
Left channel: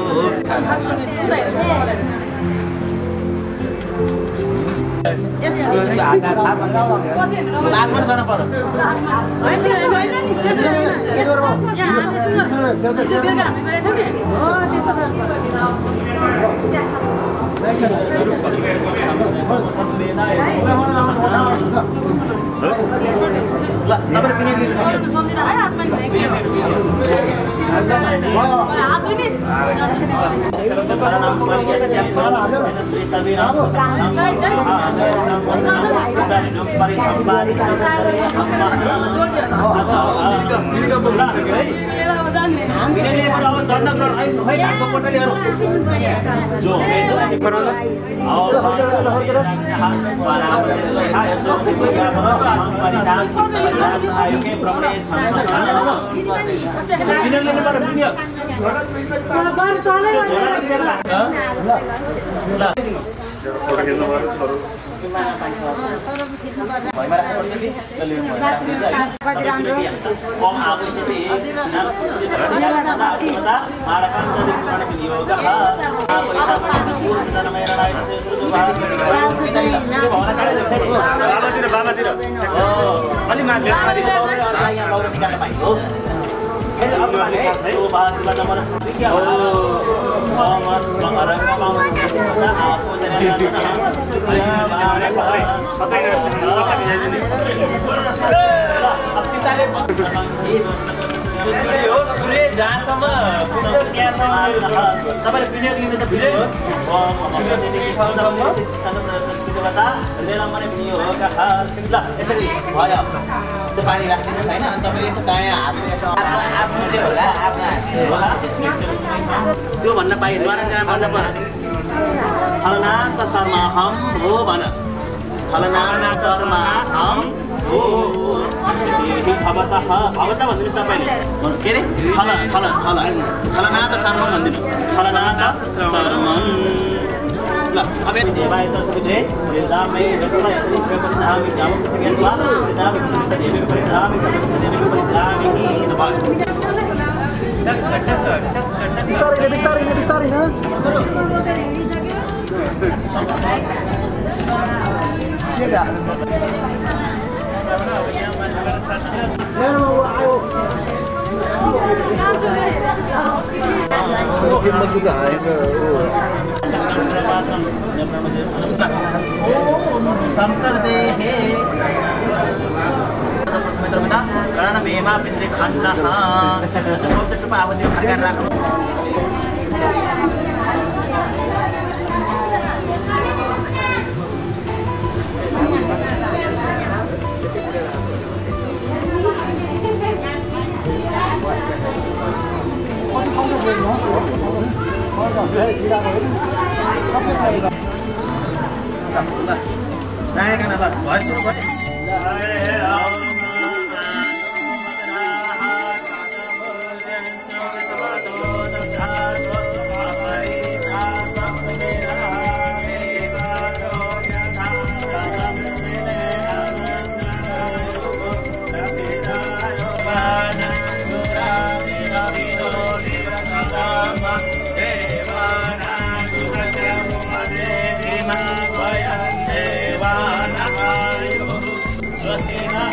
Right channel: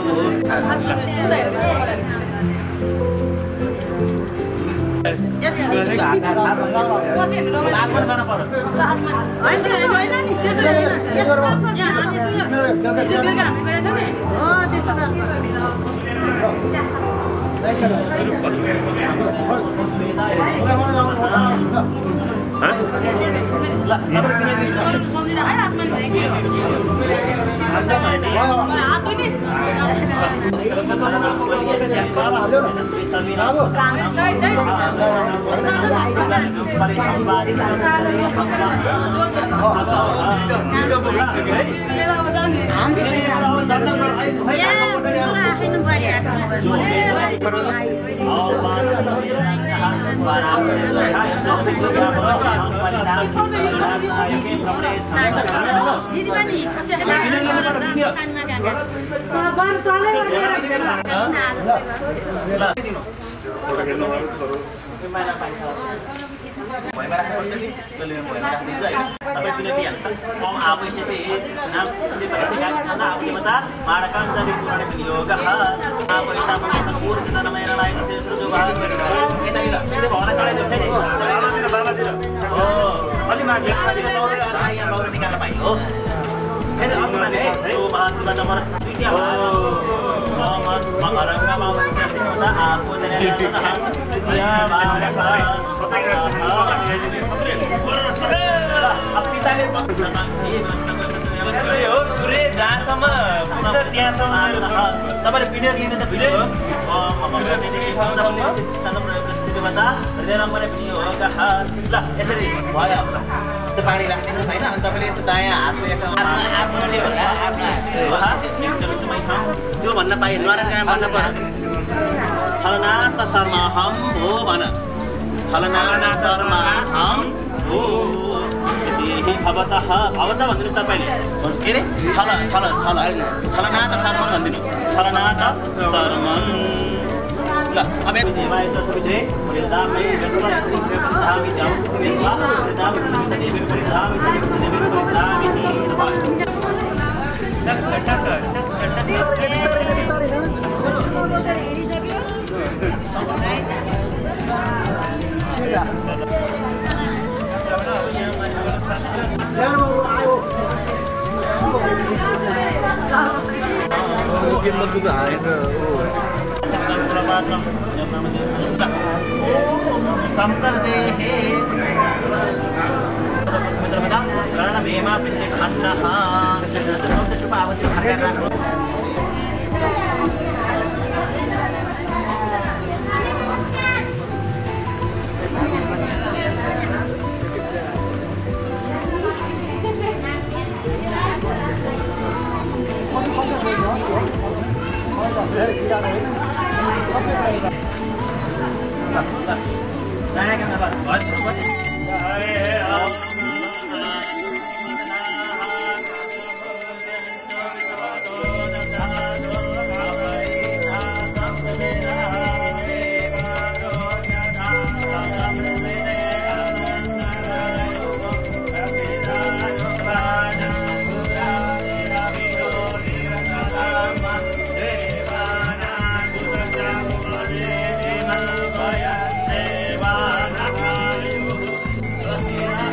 जहाँसम्म पुग्छ त्यहाँसम्म तपाईँले भिडियो लिनु त भिडियो ल यसरी भयो त्यो पानी राखिदिनुहोस् होइन अनि तपाईँले यसो दायाँ हातले यसो त्यो भन्न पाइयो नराम्रो भन्न पर्यो फलनाथ शर्मा हम हो भन फलनाथ शर्मा हम हो भवतः भनिदिनुहोस् तपाईँले के अरे फलनाथ शर्मा भनिदिनु फलनाथ शर्मा ल अब देवाय त सबै परिधामै जसमा परिधामै जाऊ त्यसमा परिधामै देवी परिधामै सबै देवी परिधामै नि टक टक समतर देहे कारण भेमा पिन्द्रे खन्न टुप्पा अब त्यो फर्काएर राख्नु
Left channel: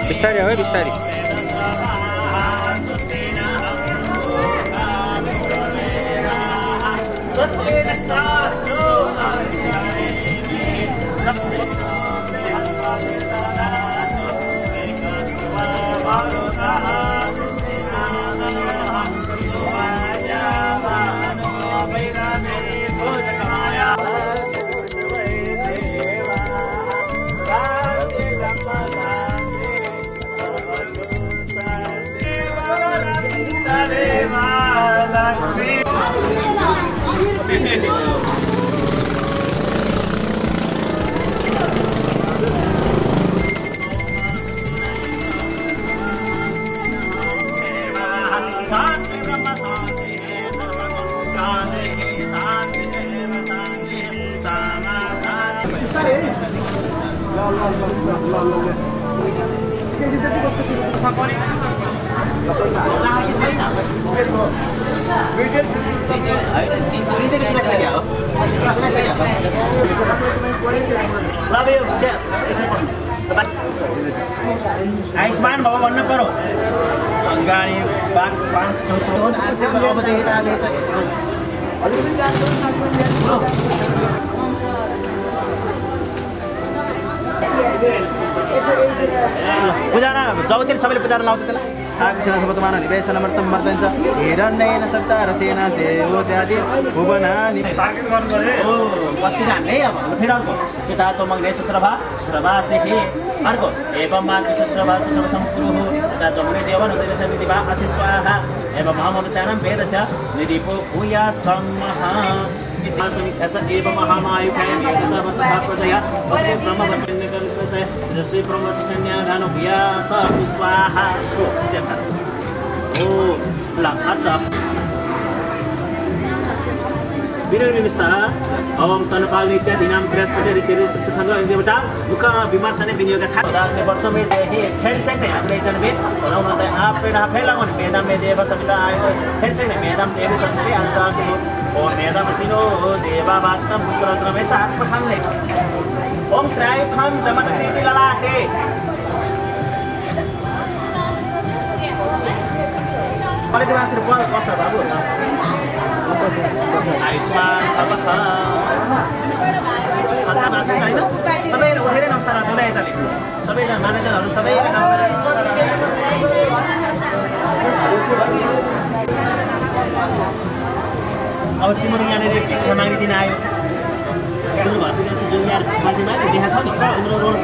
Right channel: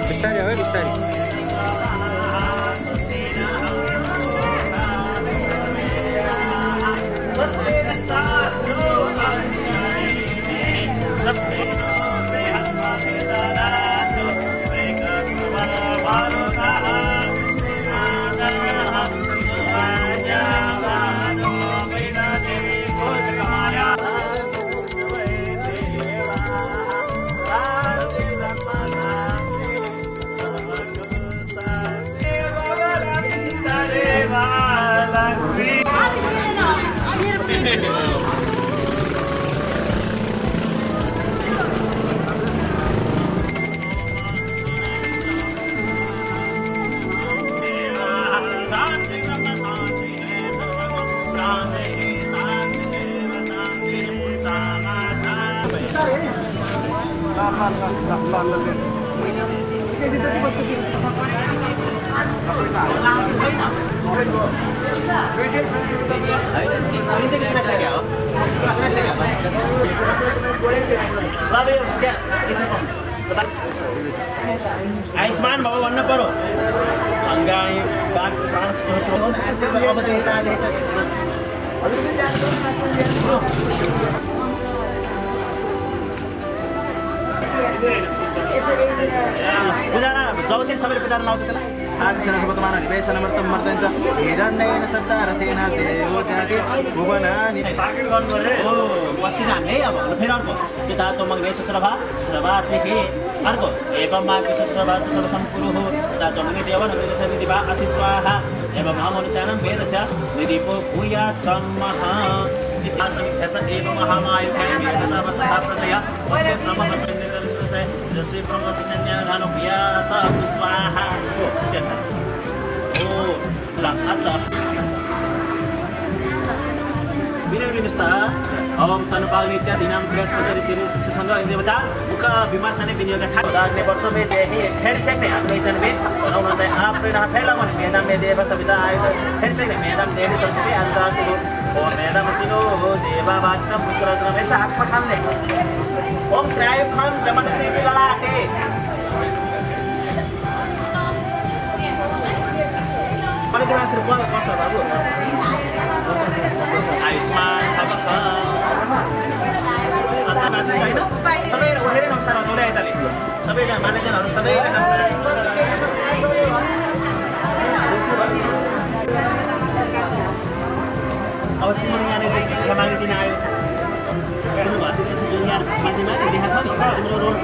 बिस्तारी हो बिस्तारी आयुष्मान बाबा भन्नु पर्यो गाई बाघ पुजारा जाउँदैन सबैले पुजारा लाउँछ त्यसलाई आकृष्ण निवेशनमर्थम मर्दन्छ हिरण्येन सत्तारथेन देवो जाति भुवनानि बत्ती हान्ने अब फेरि अर्को चितातो मग्ने सुश्रभा श्रभासेहि अर्को एवं मा सुश्रभा सुश्रभ सम्पुरुः चितातो मग्ने देवन निदिवा असिस्वाहा एवं महामनुष्याणां वेदस्य निदीपो भूया सम्मः इत्यासमित्यस एवं महामायुखाय वेदसवतः प्रजया वस्तु ब्रह्मवचननिकलितस्य जस्वी ब्रह्मवचन्यागानो भूयास स्वाहा ओ लंघत विनोनिस्ता अवम तनपाल नित्य दिनाम बृहस्पति ऋषि संघ देवता मुख विमर्शने विनियोग छ उदाहरण वर्ष में देहि फेर से आग्रह जनवे नौनते आप प्रेरणा फैलावन मेदाम में देव सविता आयु फेर से मेदाम देवी संस्कृति अंतराल ओ मेदाम सिनो देवा वाक्तम पुत्रत्र में साथ पठाने ओम त्रायुखम जमन प्रीति ललाटे pada dia masih buat kosa baru. Aisman apa? Mata masih tak itu? Sampai orang nam sarah boleh tadi. Sampai jangan mana jangan harus sampai nam sarah. तिम्रो यहाँनिर भिक्षा मागिदिन आयो तिम्रो घरतिर यसो जुन यहाँ मान्छे माथि देखाएको छ नि तिम्रो रोल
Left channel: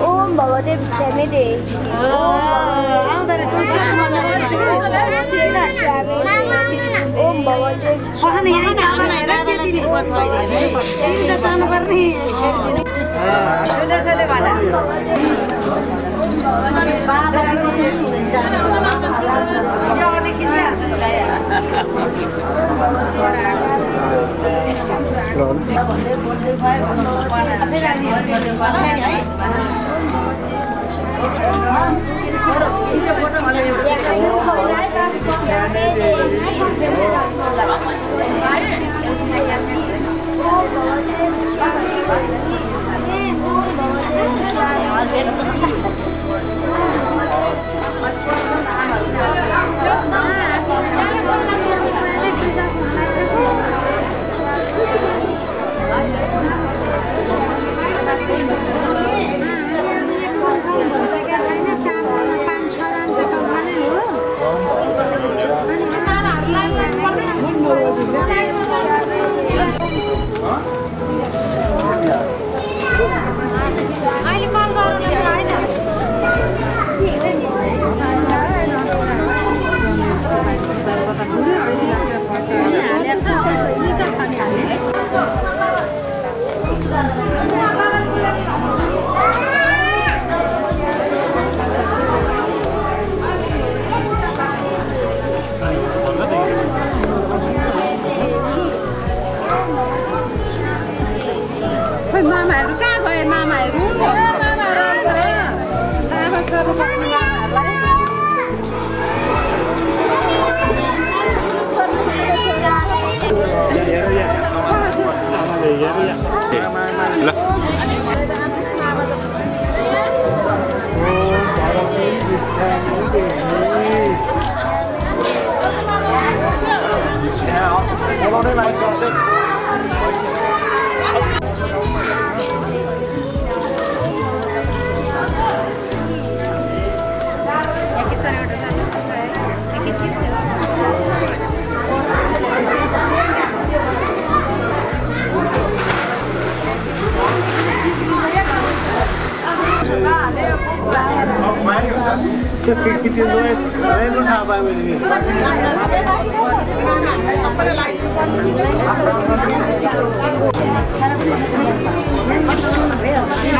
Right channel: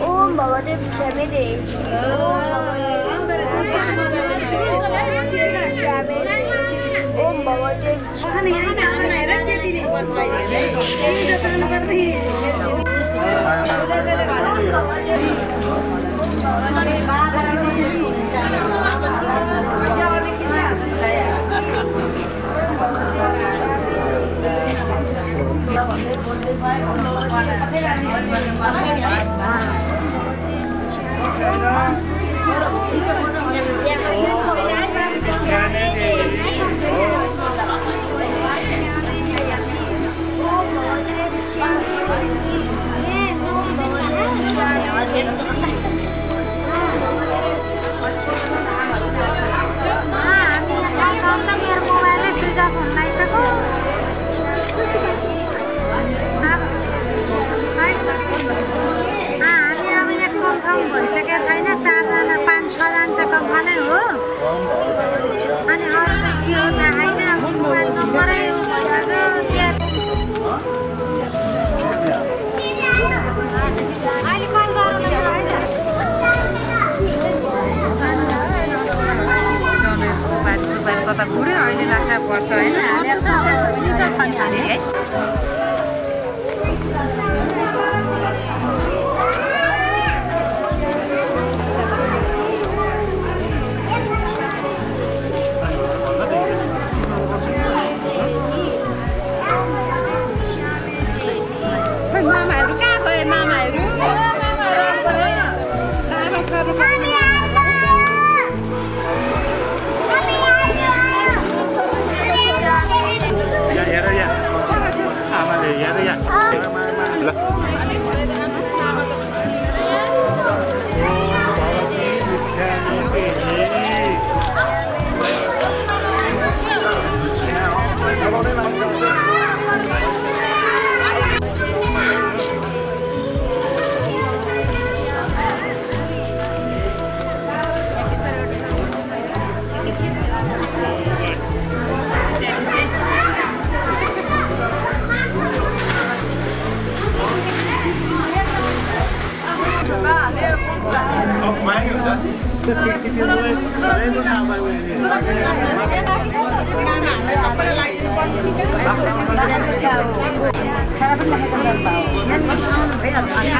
ओम भगवदेव क्षमे ओम भगवदेव Hãy subscribe cho kênh Ghiền Mì Gõ để không bỏ lỡ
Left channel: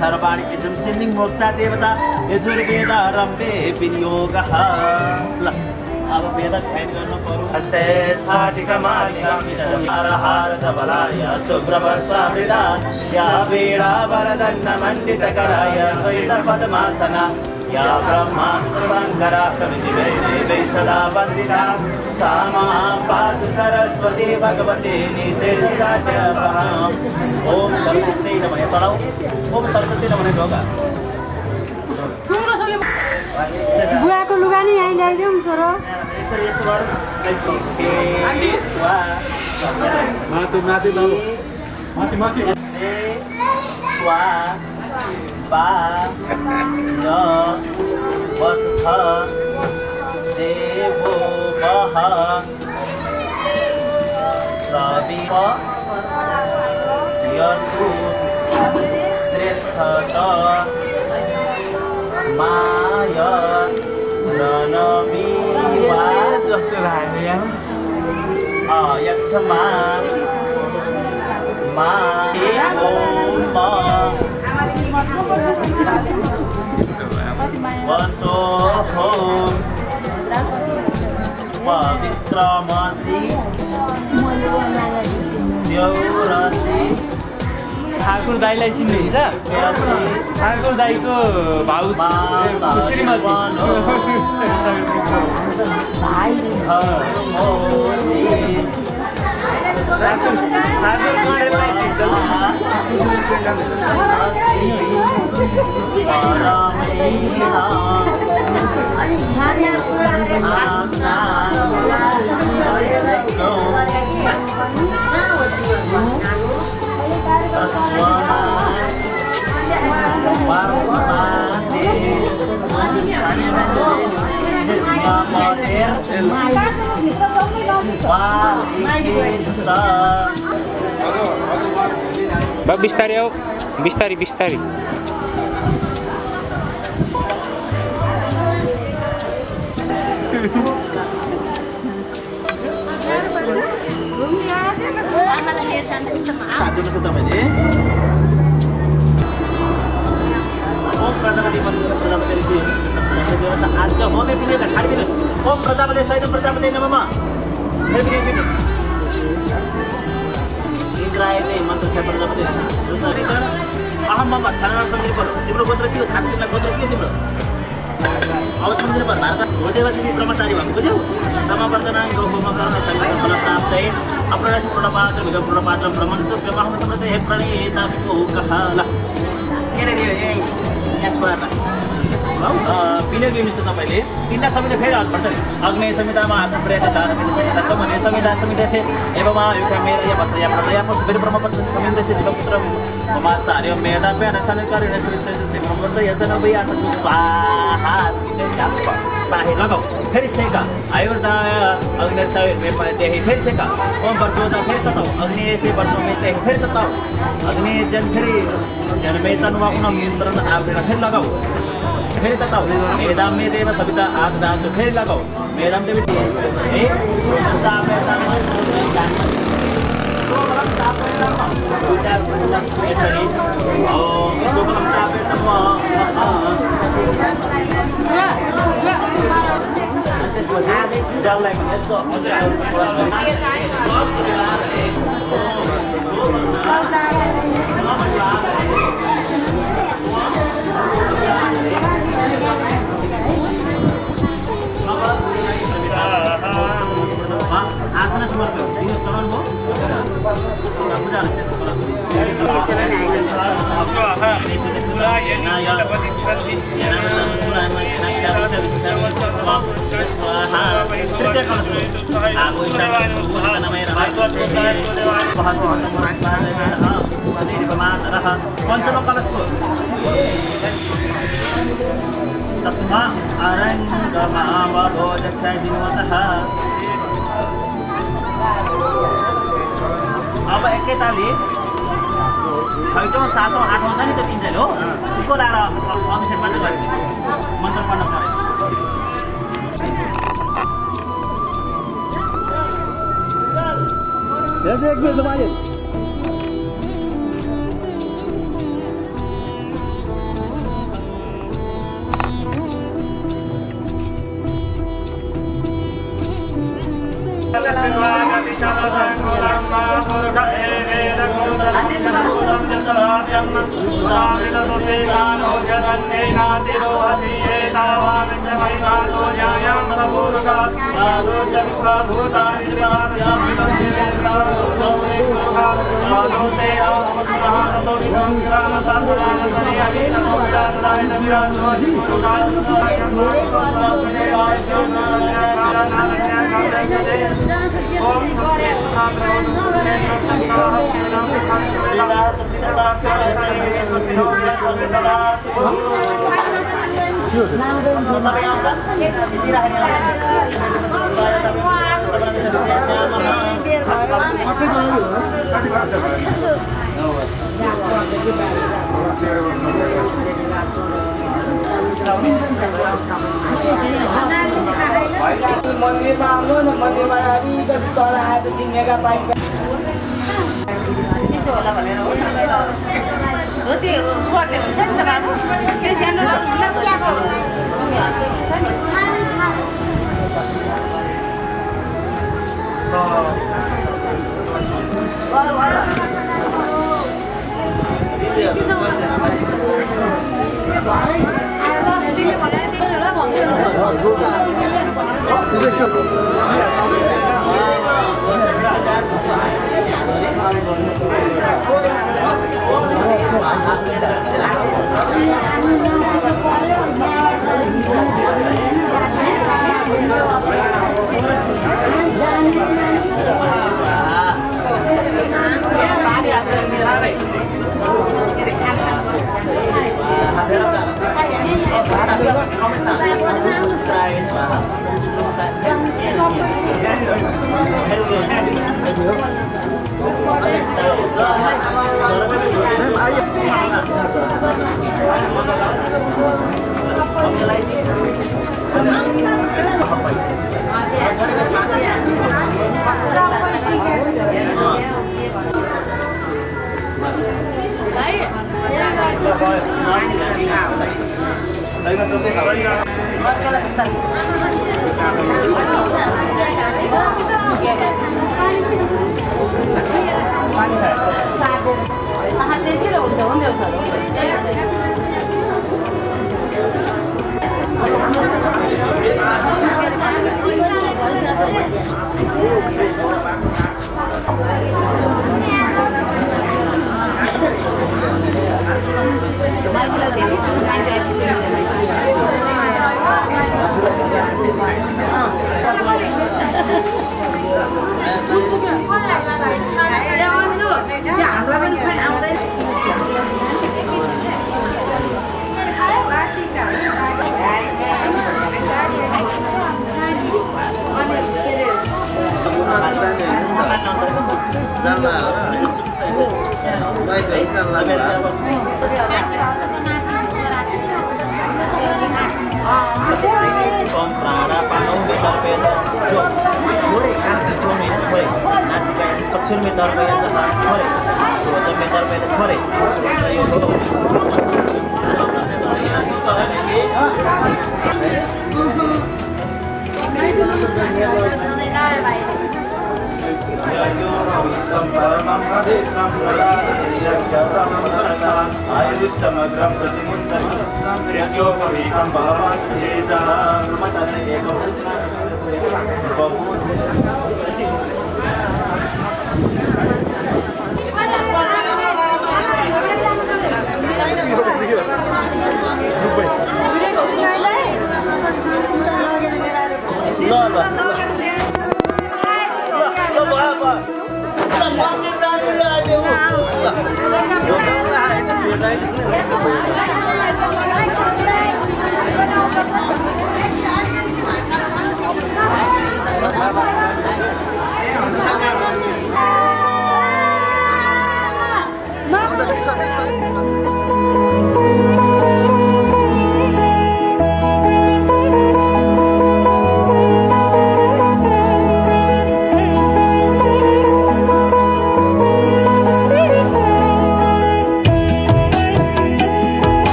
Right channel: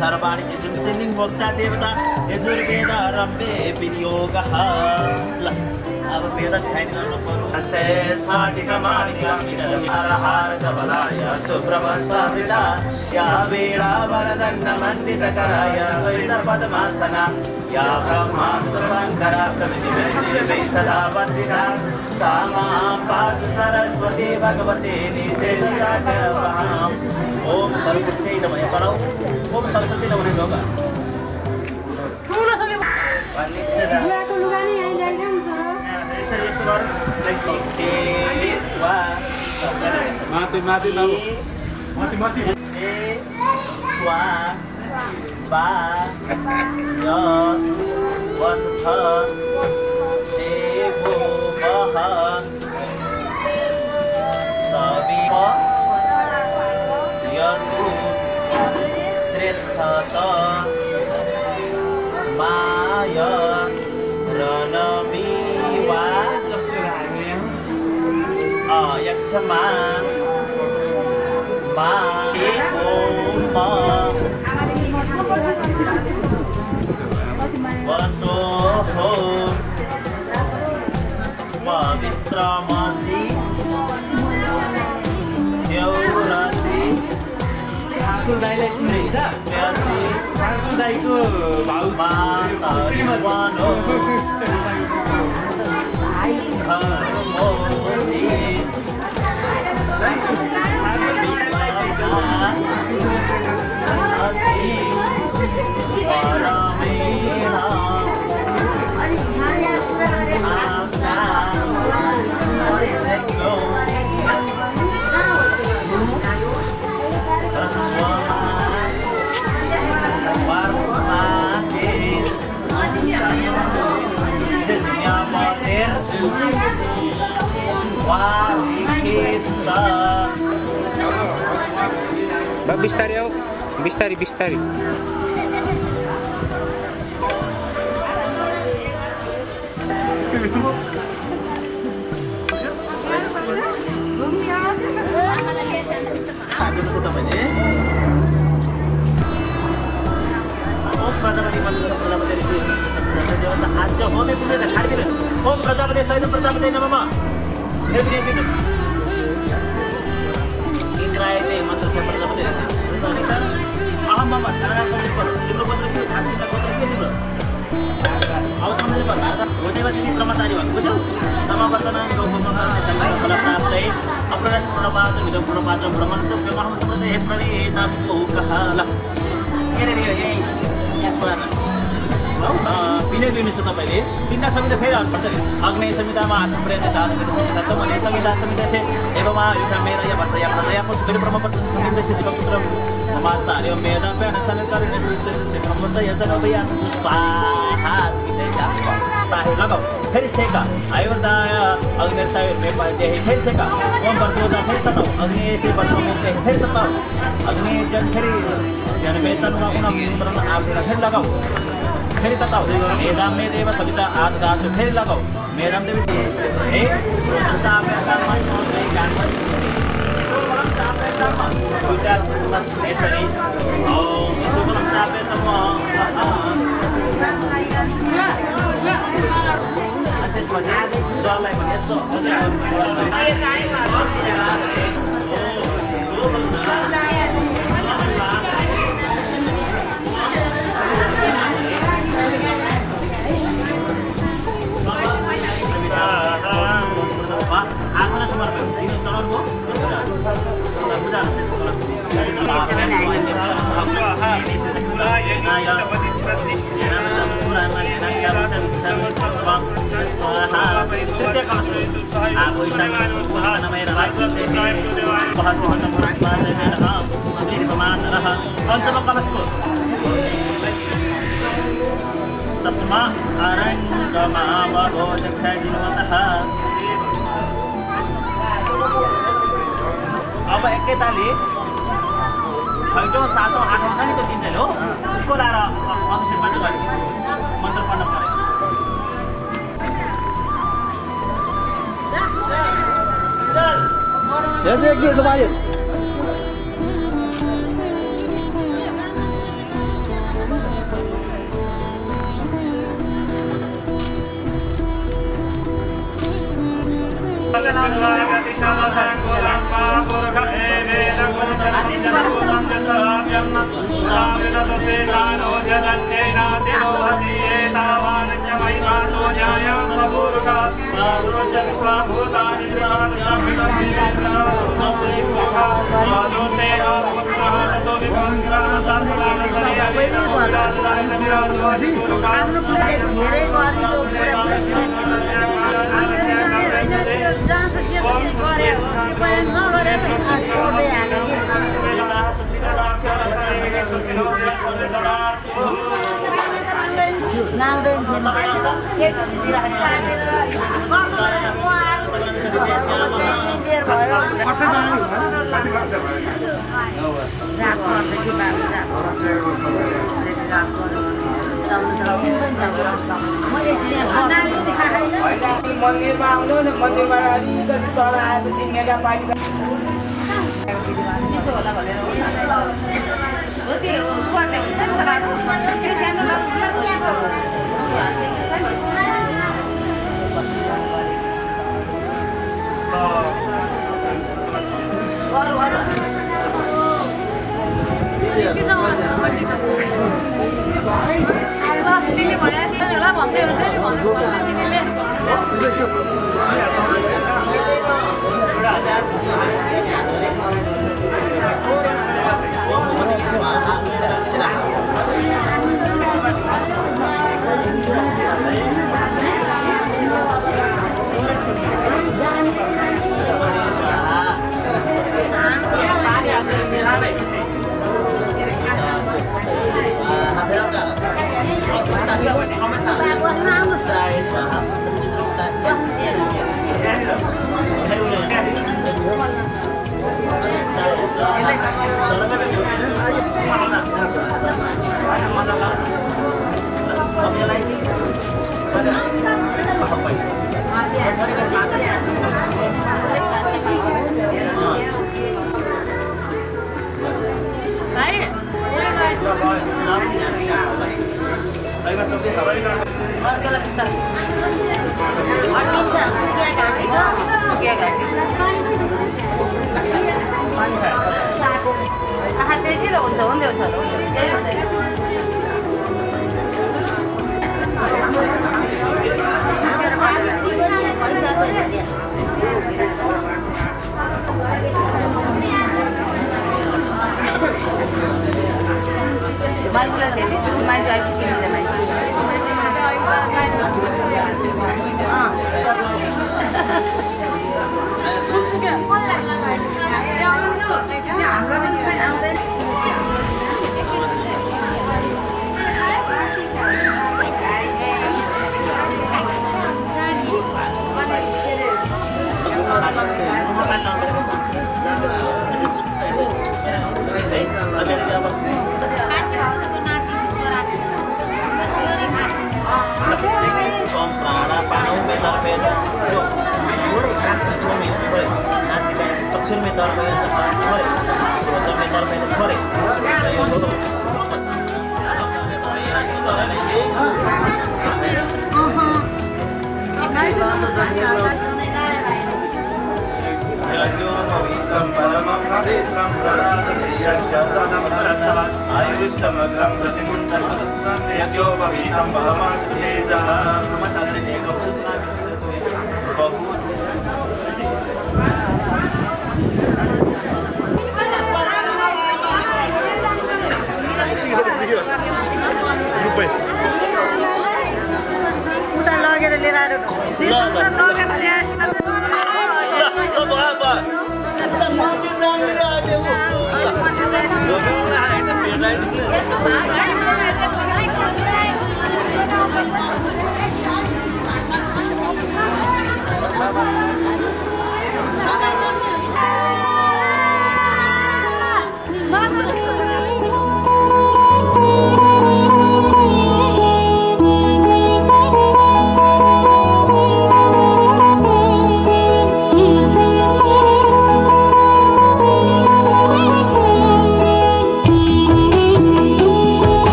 सर्वाणि इजं सिन्निं मोक्ता देवता यजुर्वेद रम्भे विनियोगः ल अब वेद ध्यान गर्न पर्यो हस्ते स्फाटिकमालिकामिदहार धवलाय शुभ्रवस्त्रवृदा या वीरा वरदन्न मण्डितकराय श्वेत पद्मासना या ब्रह्मास्त्रशङ्करा प्रभृतिवैदेवैः सदा वन्दिता सा मां पातु सरस्वती भगवती निशेषराज्यवहाम् ओम सरस्वती नमः पढ़ाओ ओम सरस्वती नमः होगा बुवाको लुगा नि आइरहेको हुन्छ र यसरी वा माथि माथि बाबु माथि माथि वा बा य वस्थ देवो बह सवि यतु श्रेष्ठत माय रणमीवा अयक्षमा मा ओम वसोहो पवित्रमसि देउरसि ठाकुर दाइलाई चिन्नुहुन्छ ठाकुर दाइको भाउ बिस्तारी आओ बिस्तारी बिस्तारी ओम प्रजापति आज होमे पुण्य छाडिदिनु ओम प्रजापति सहित प्रजापति नमः इंद्रायले मंत्र छ प्रजापति अहम मम खाना सम्झिनु पर्यो तिम्रो गोत्र के हो खास तिम्रो गोत्र के हो तिम्रो अब सम्झिनु पर्यो भारत होदेवा तिमी कर्मचारी भएको बुझ्यौ समावर्तना गौमकर्म शरीर फल प्राप्त है अप्रणाश प्रणपात्र विदम प्रणपात्र ब्रह्मण तो ब्रह्म समृद्ध हे प्रणेता को कहाला के रे यहाँ छोरा विनय निमित्त तपाईले तीनटा संहिता फेरि हाल्नुपर्छ नि अग्नेय संहितामा सम्प्रदाय धारक संहिता त भने संहिता संहिता से एवं युक्मेदा या बच्चा या प्रजा को सुबेर ब्रह्मपत्र संहिता से दिवपुत्र ममाचार्य मेदा पे अनसनकारी नसरी से ब्रह्मपत्र यजन भया सु स्वाहा विजय जाप पाहे लगाओ फेरि सेका आयुर्दा अग्नेय सायर में पाए देहि फेरि सेका ओम वर्चोदा फेरि तताओ अग्नेय से वर्चो में देहि फेरि तताओ अग्नेय जन फेरि जन में तनवा उन मित्रन आप फेरि लगाओ फेरि तताउ मेदाम मे देव सविता हात दाजु फेरि लगाऊ मेदाम देवी है यसरी त्यसपछि जललाई पनि यस्तो अझै आसन समर्पण तीन चरण हो पूजा पञ्चम कलशको तस्मा अरङ्गमा भोजक्षिन्वतः अब एकैतालि 6औं 7औं 8औं छ नि त्यो तिनजना हो चुप्पो लाएर अभिषेक मात्र गरे मन्त्र पढ्न पर्यो मन्दिरमा आउनु न मन्दिरमा अलिकति तल आएपछि मेगा पाइप त्यसो होला भनेर हो त्यो गर्ने हुन्छ नि त बाबु त्यो सानो ओम प्राणापानौ मे तर्पयत जो थोरै कान्ति जो मे थोरै नासिका चक्षुर मे तर्पयत थोरै श्रोत्र मे तर्पयत थोरै श्रोत्र यो हो परमं पवित्रं प्रसादयज्ञानमनसा आयुष्यमग्रं प्रतिमुञ्चनं यज्ञोपवीतं परमास्तुतेजा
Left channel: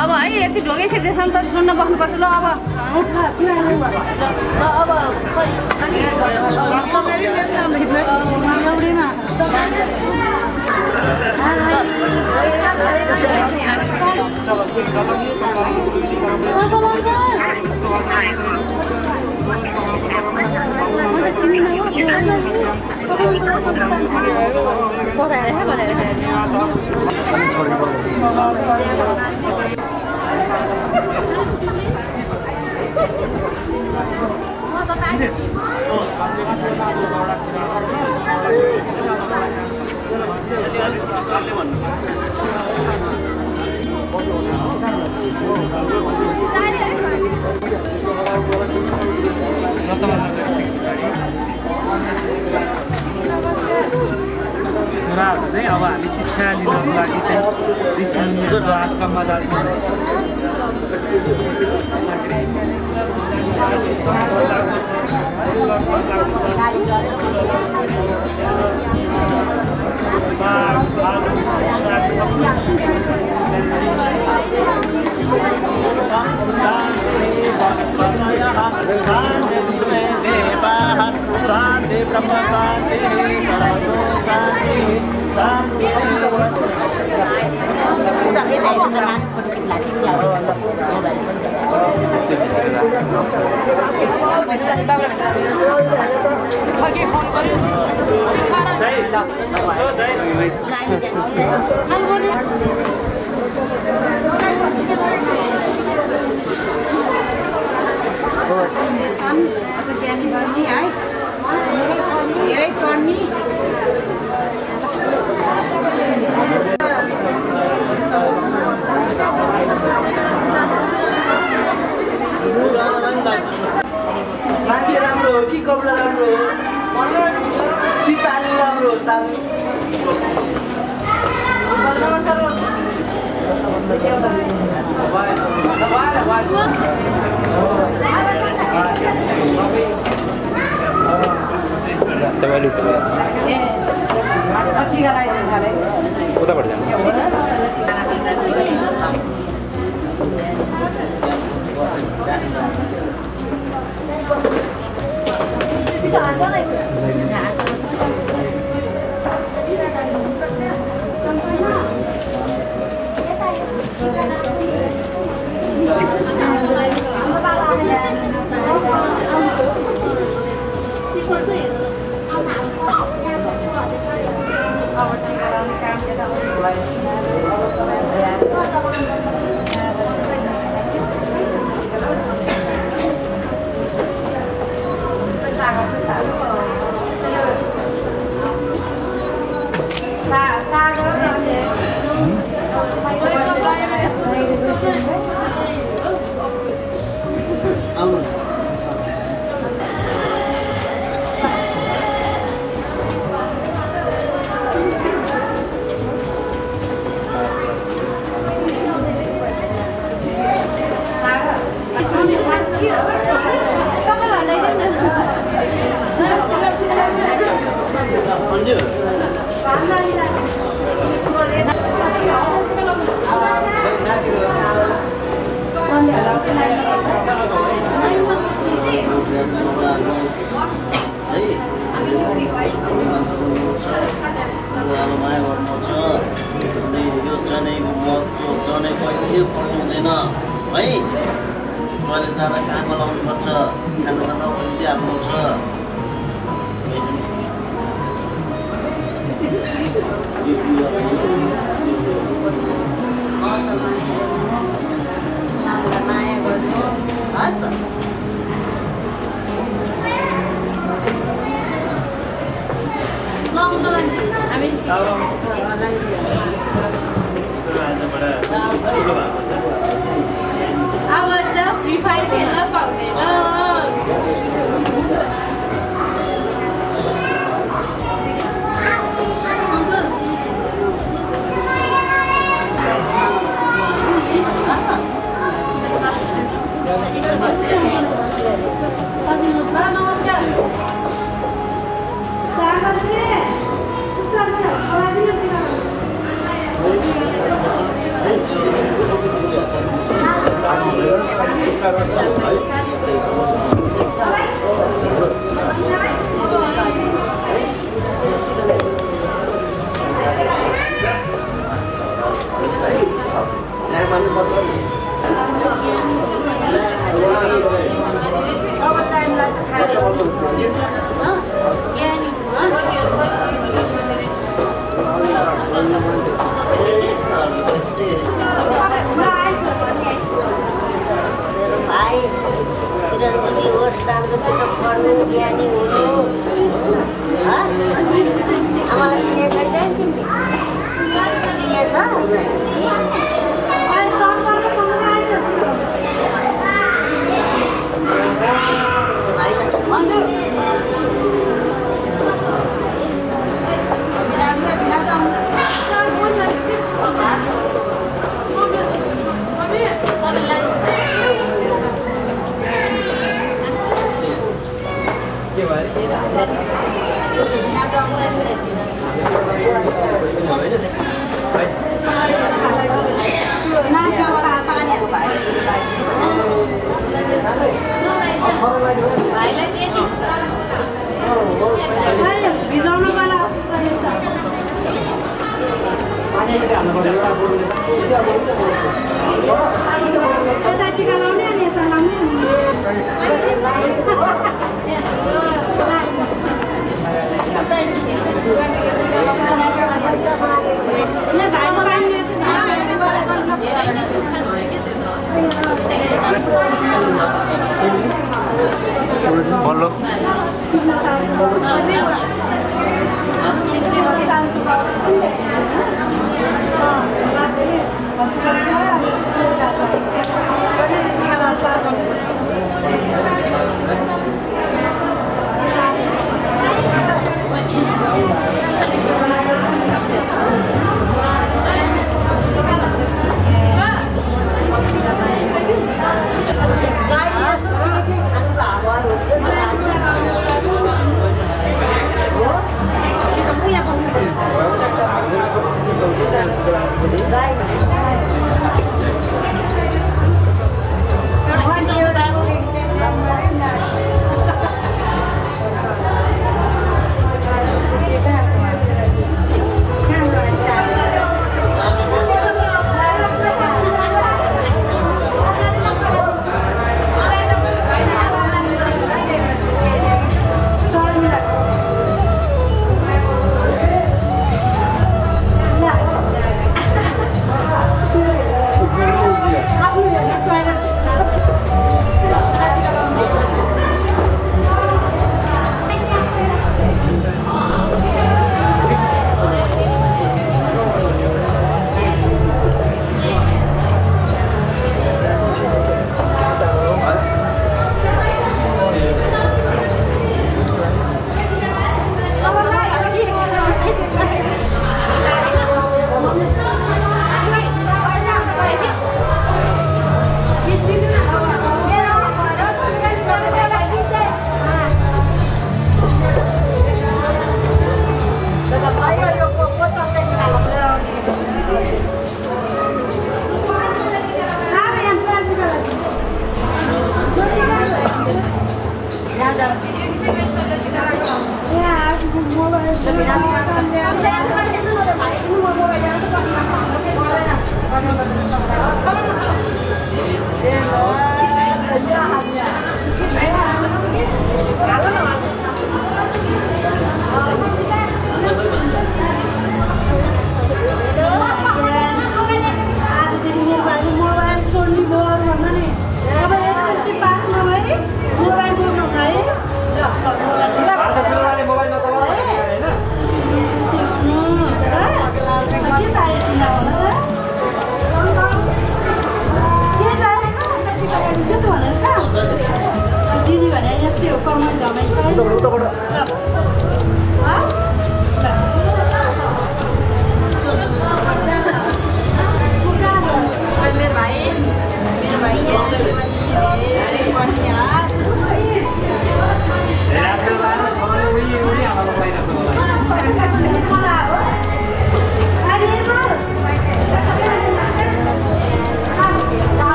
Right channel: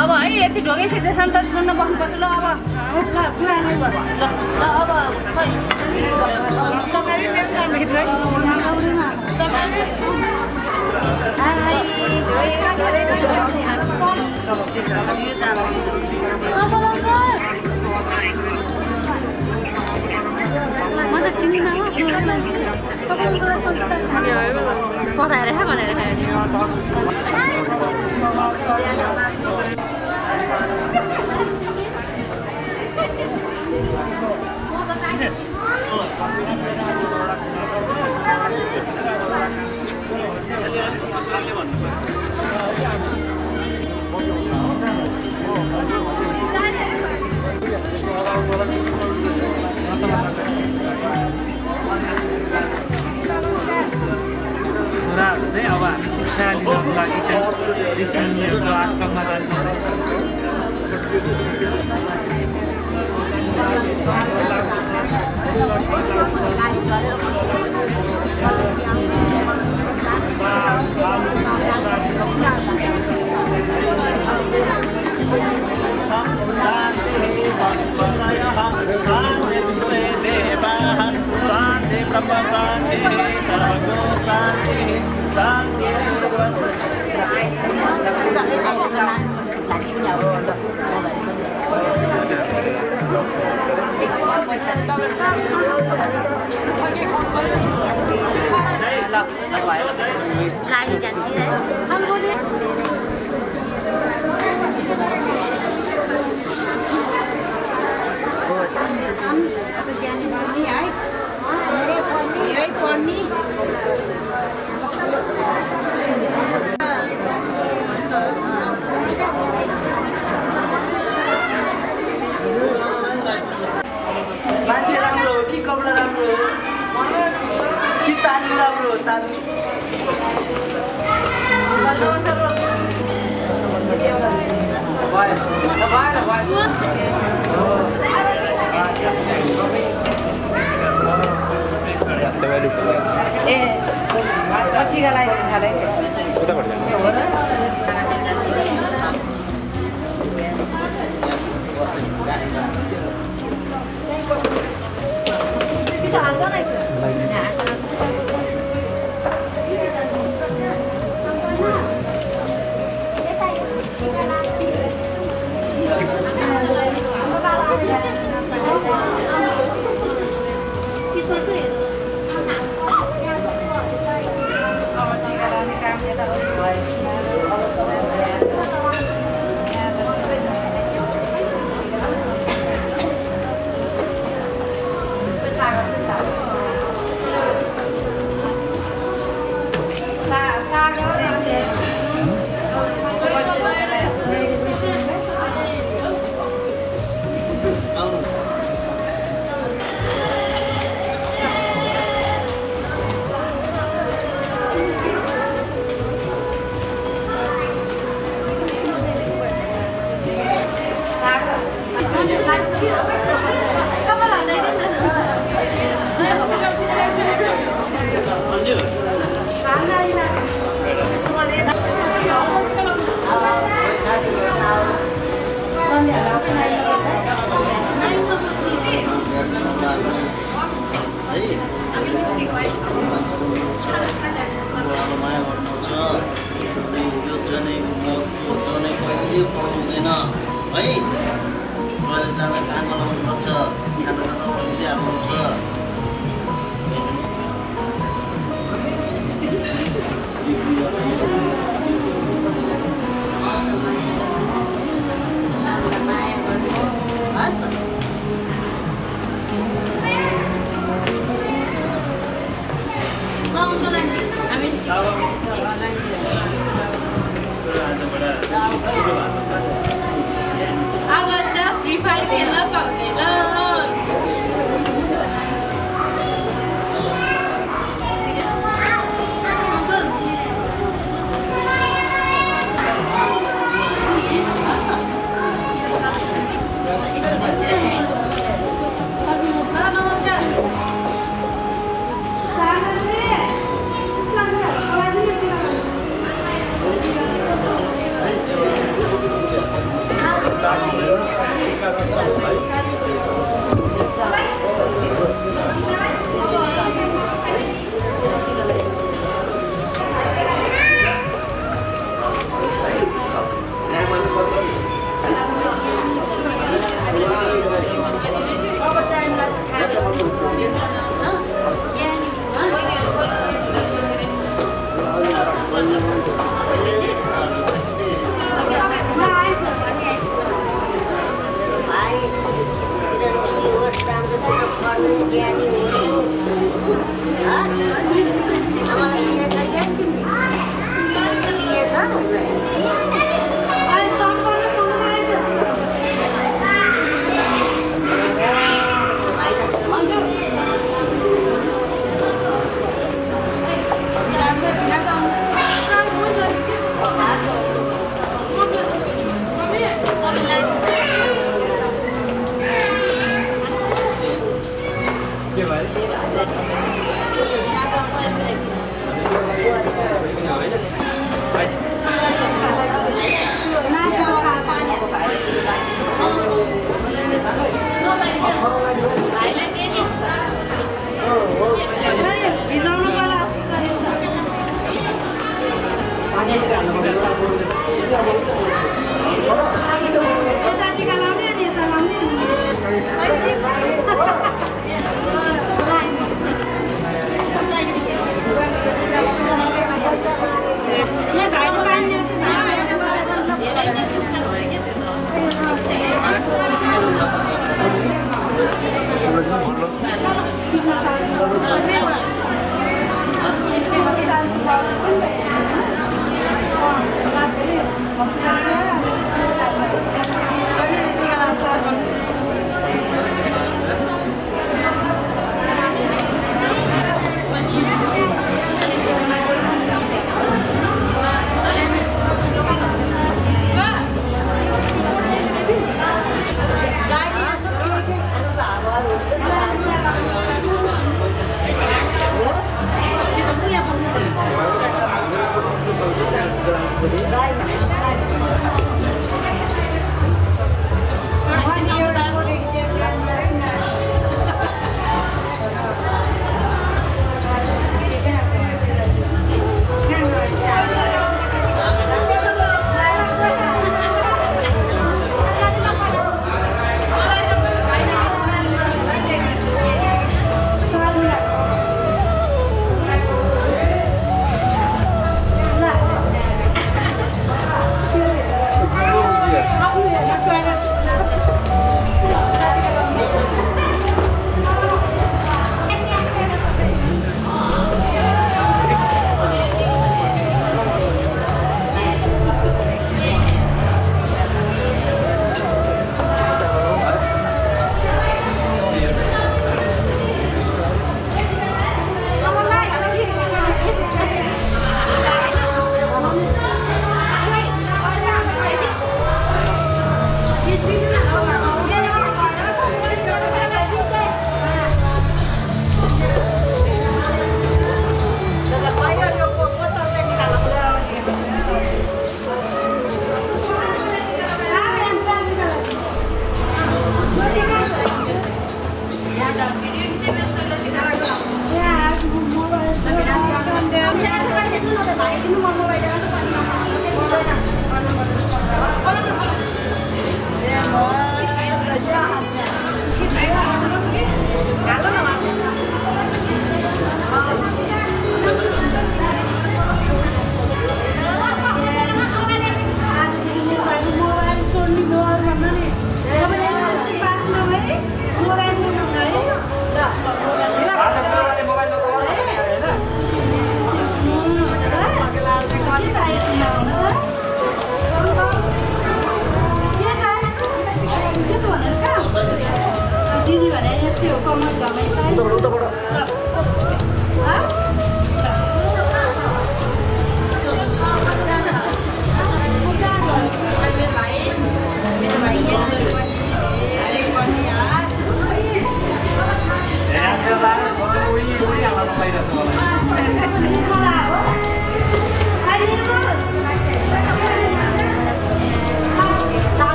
अब है यति ढोगे सिधेसम्म त छोड्न बस्नुपर्छ ल अब Yes. छोराहरू चाहिँ अब हामी शिक्षा लिनको लागि चाहिँ ऋषिमुनिहरूको आश्रममा जान्छौँ। शांति ब्रह्म शांति सर्वगो शांति शांति ज्ञानी गर्ने है धेरै पढ्ने मान्छे राम्रो हो कि कपडा राम्रो हो कि तालिम राम्रो हो तालिम उताबाट जानु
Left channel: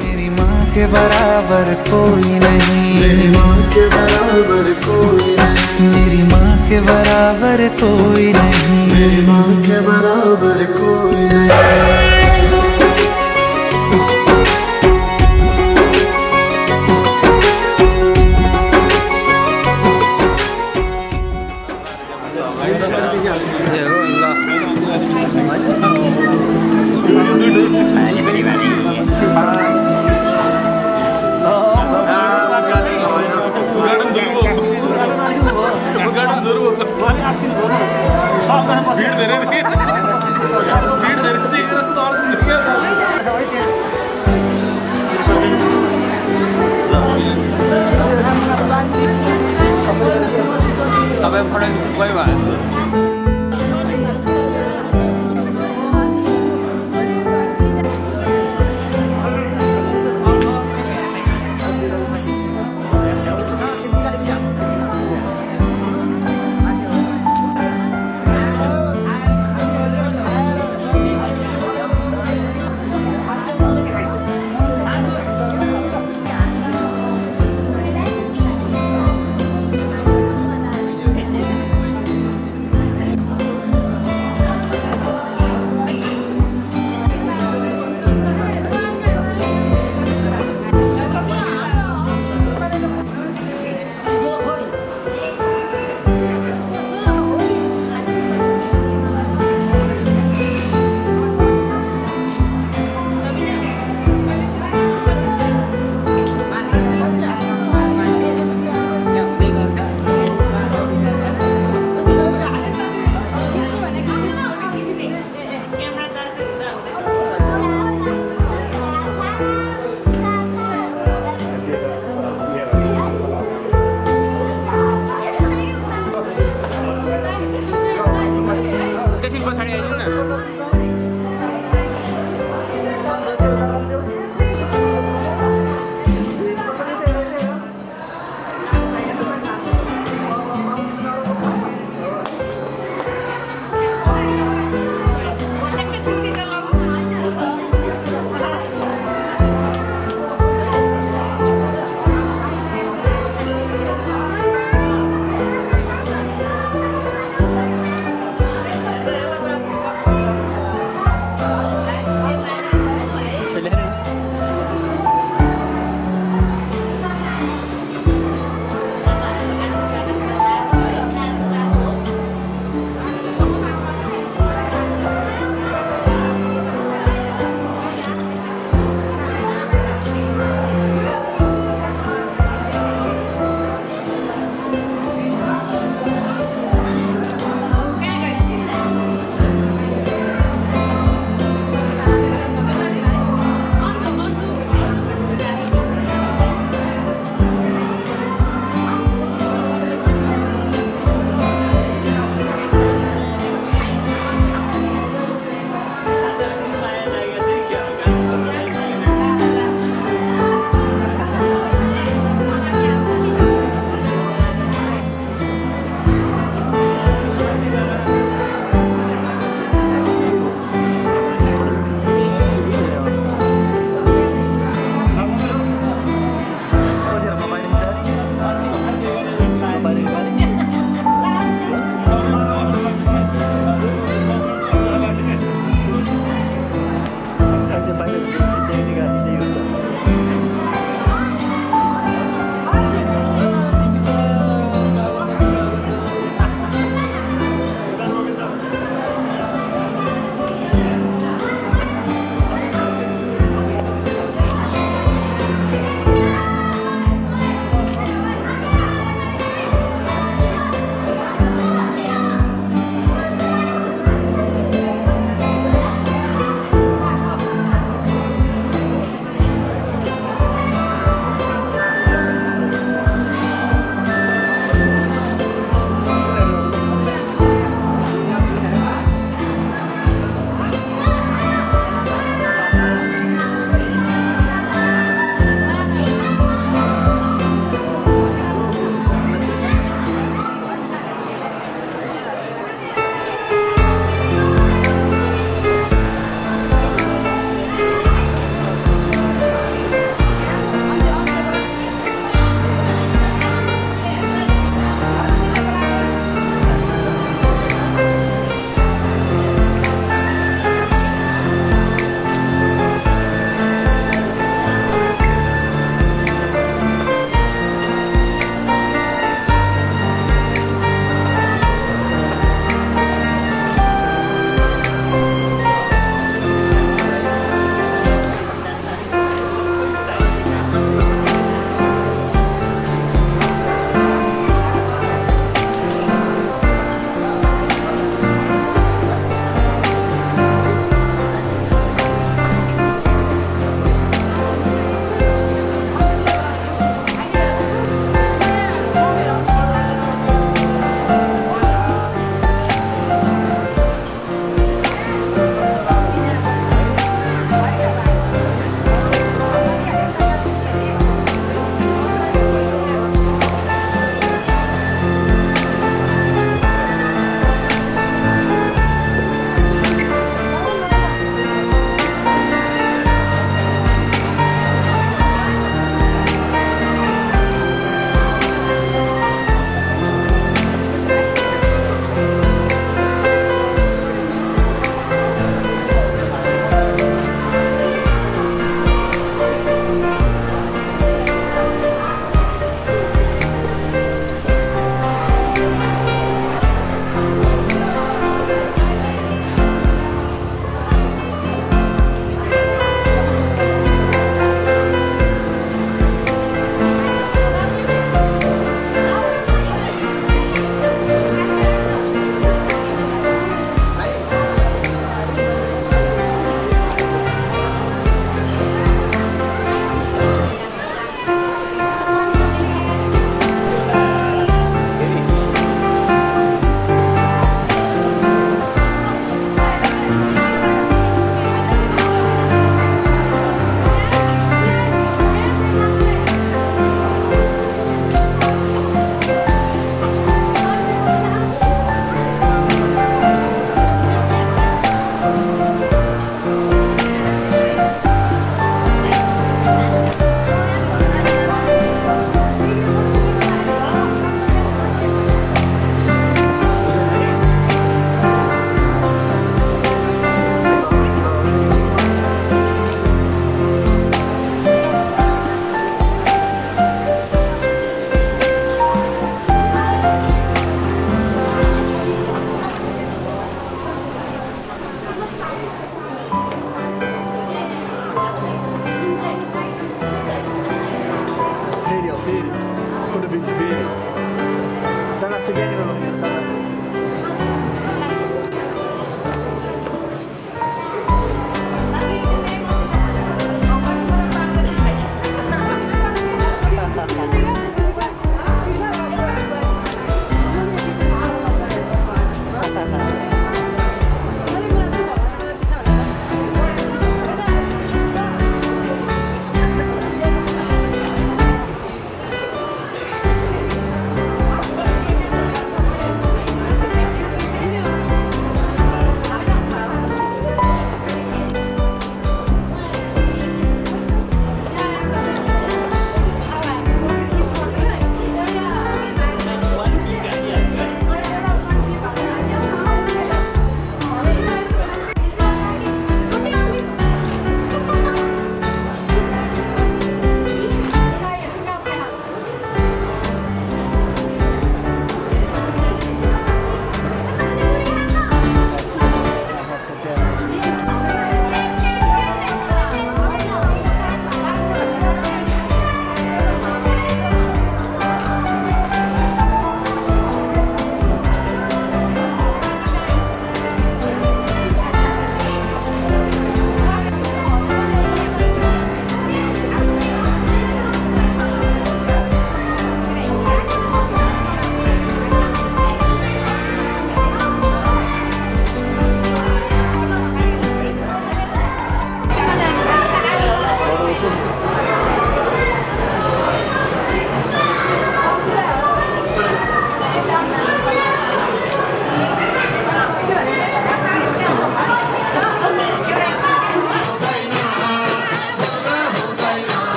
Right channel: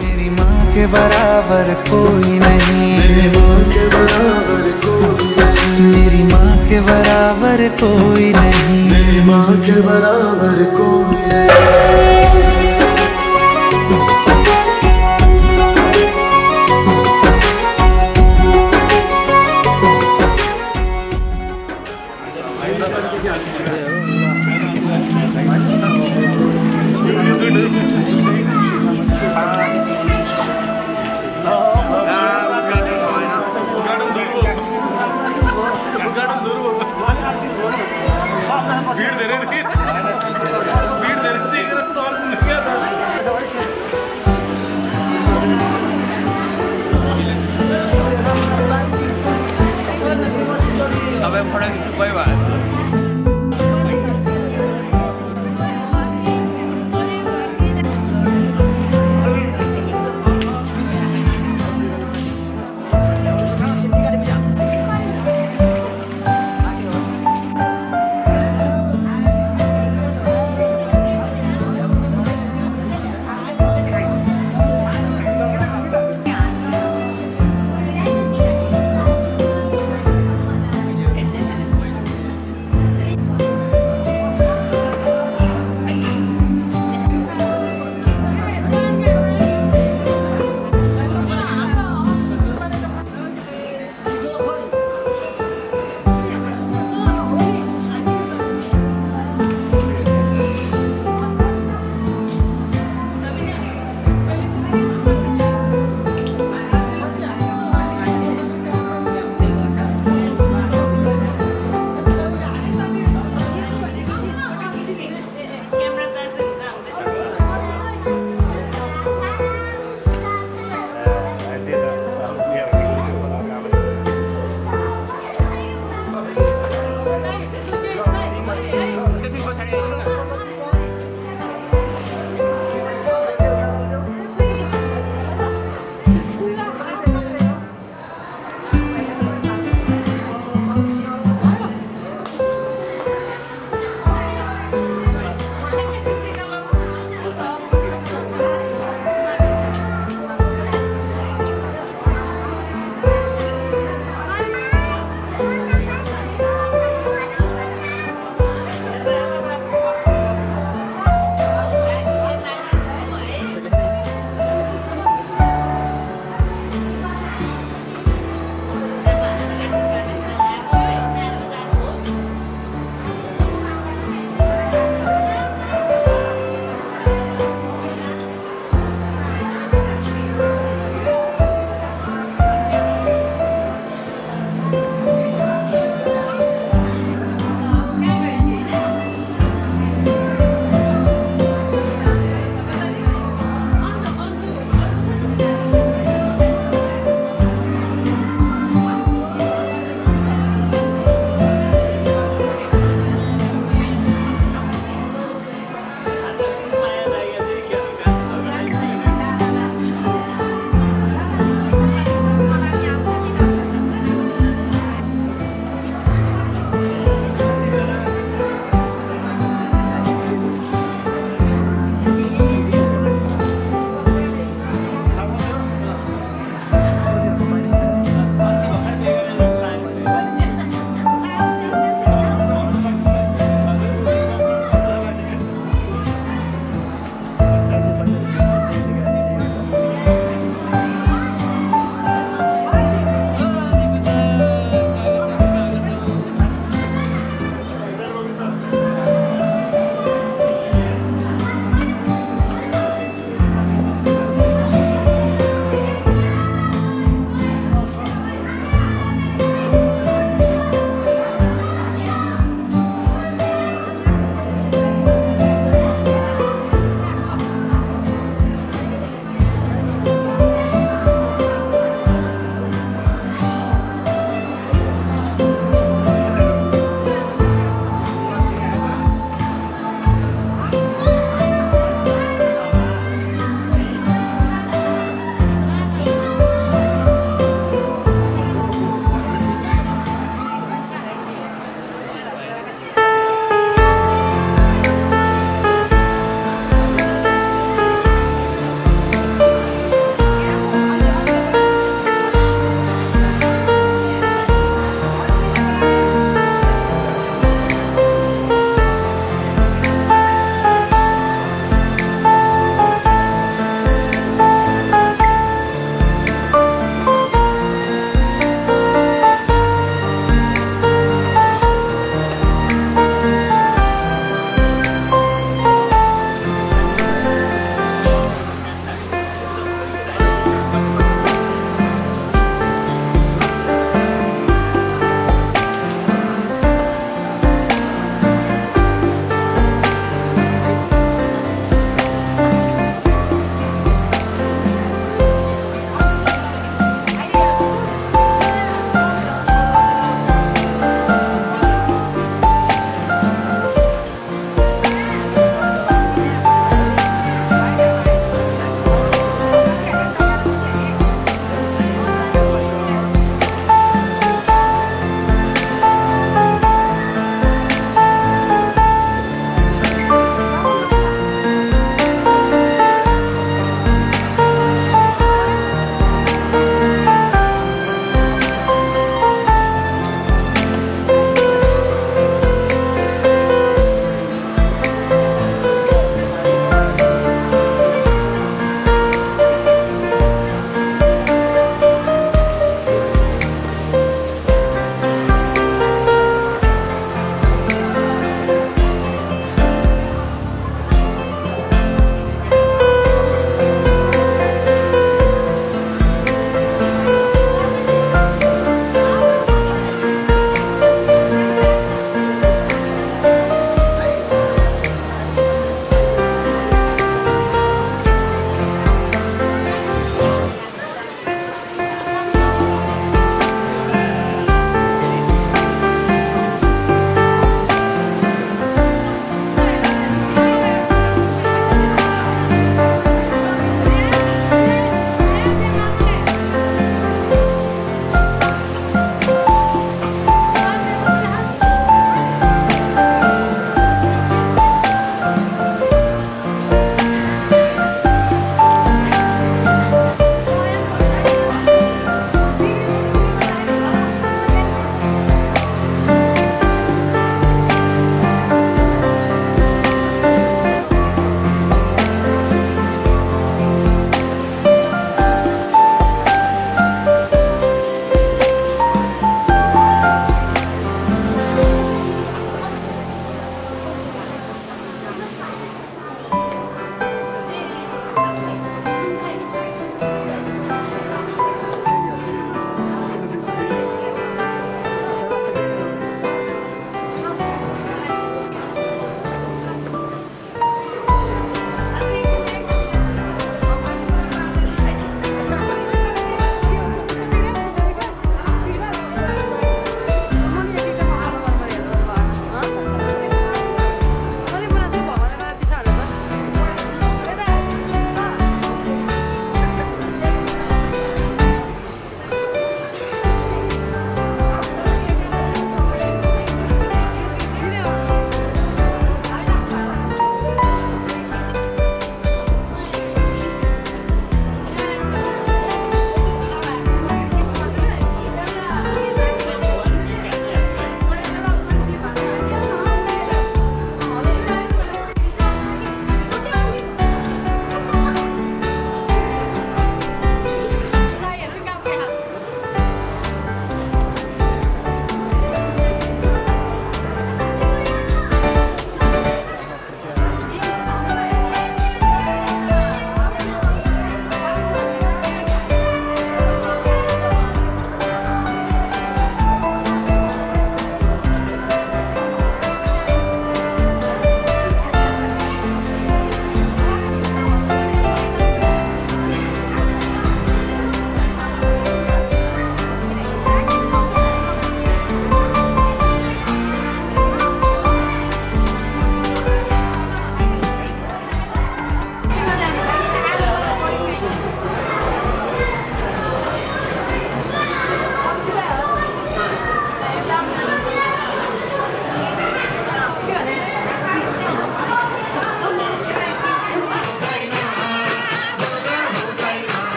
मेरी माँ के बराबर कोई नहीं, मेरी माँ के बराबर कोई नहीं, मेरी माँ के बराबर कोई नहीं, मेरी माँ के बराबर कोई नहीं। भीड़ दे रहे तो और सुन क्या था अब फोटो खिच्नु कोही भयो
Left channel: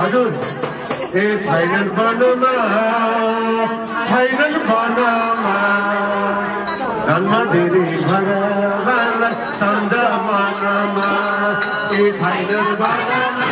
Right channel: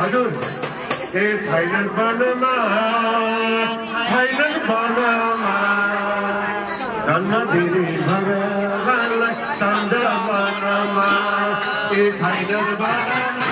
हजुर ए छैनन् वनमा जन्म दिने भगवानलाई सन्द वनमा ए छैनन् वनमा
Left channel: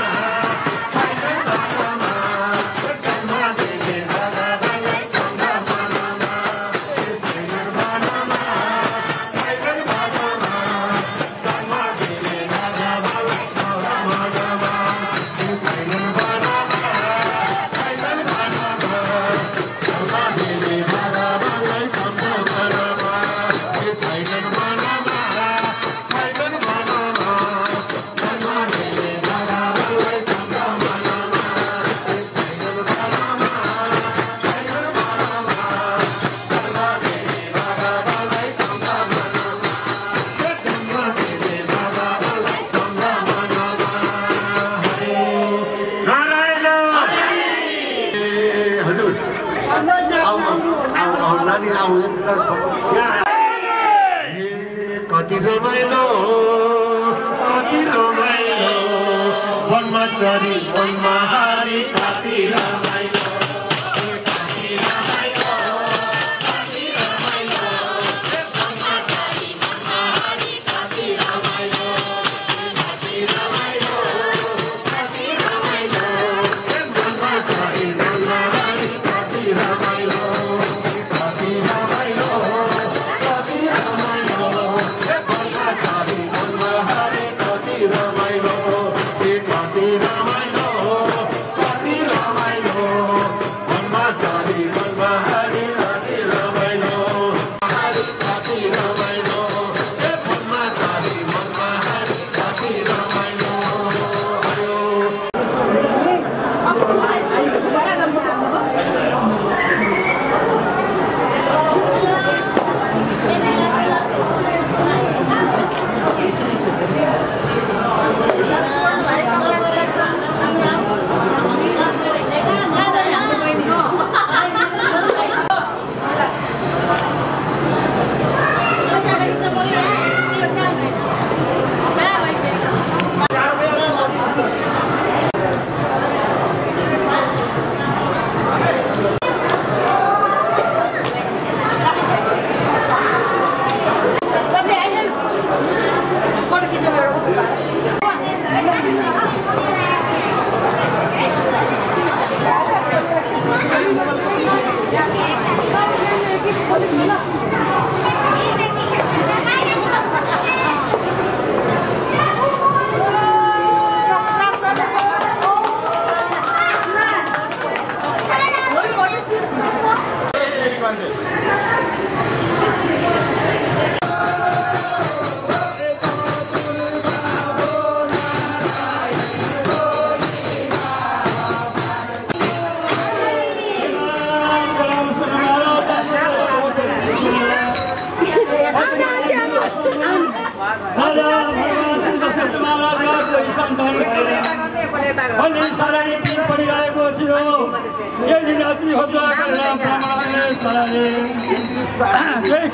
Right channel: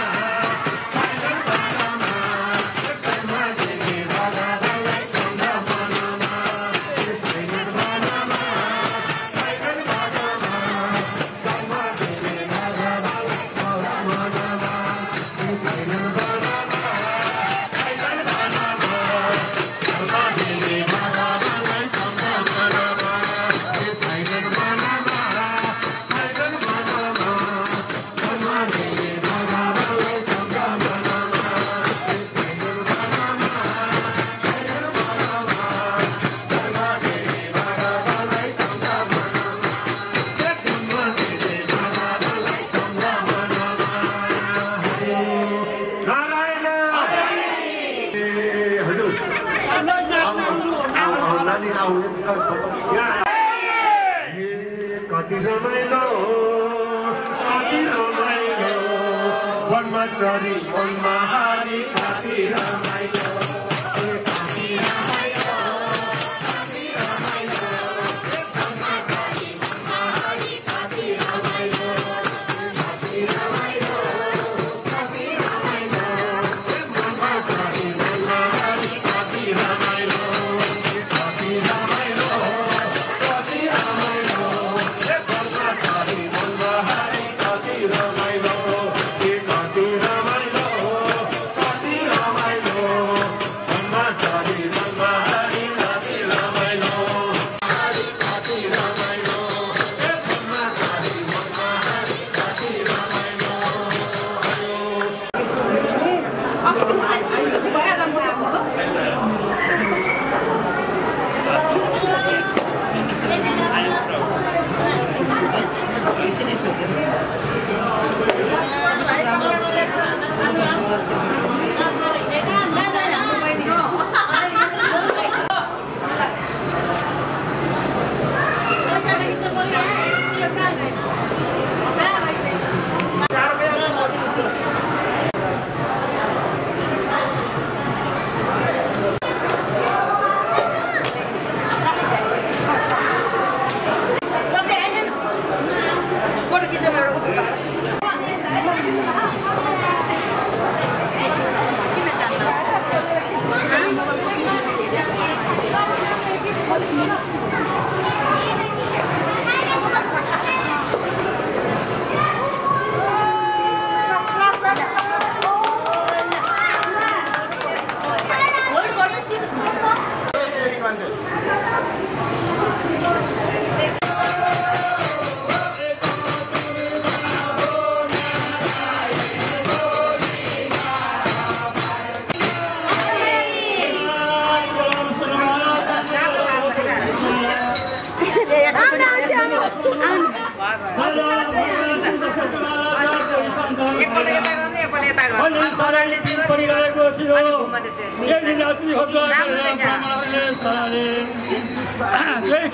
कति रमाइलो वनमा चरी वनमा हारी कति रमाइलो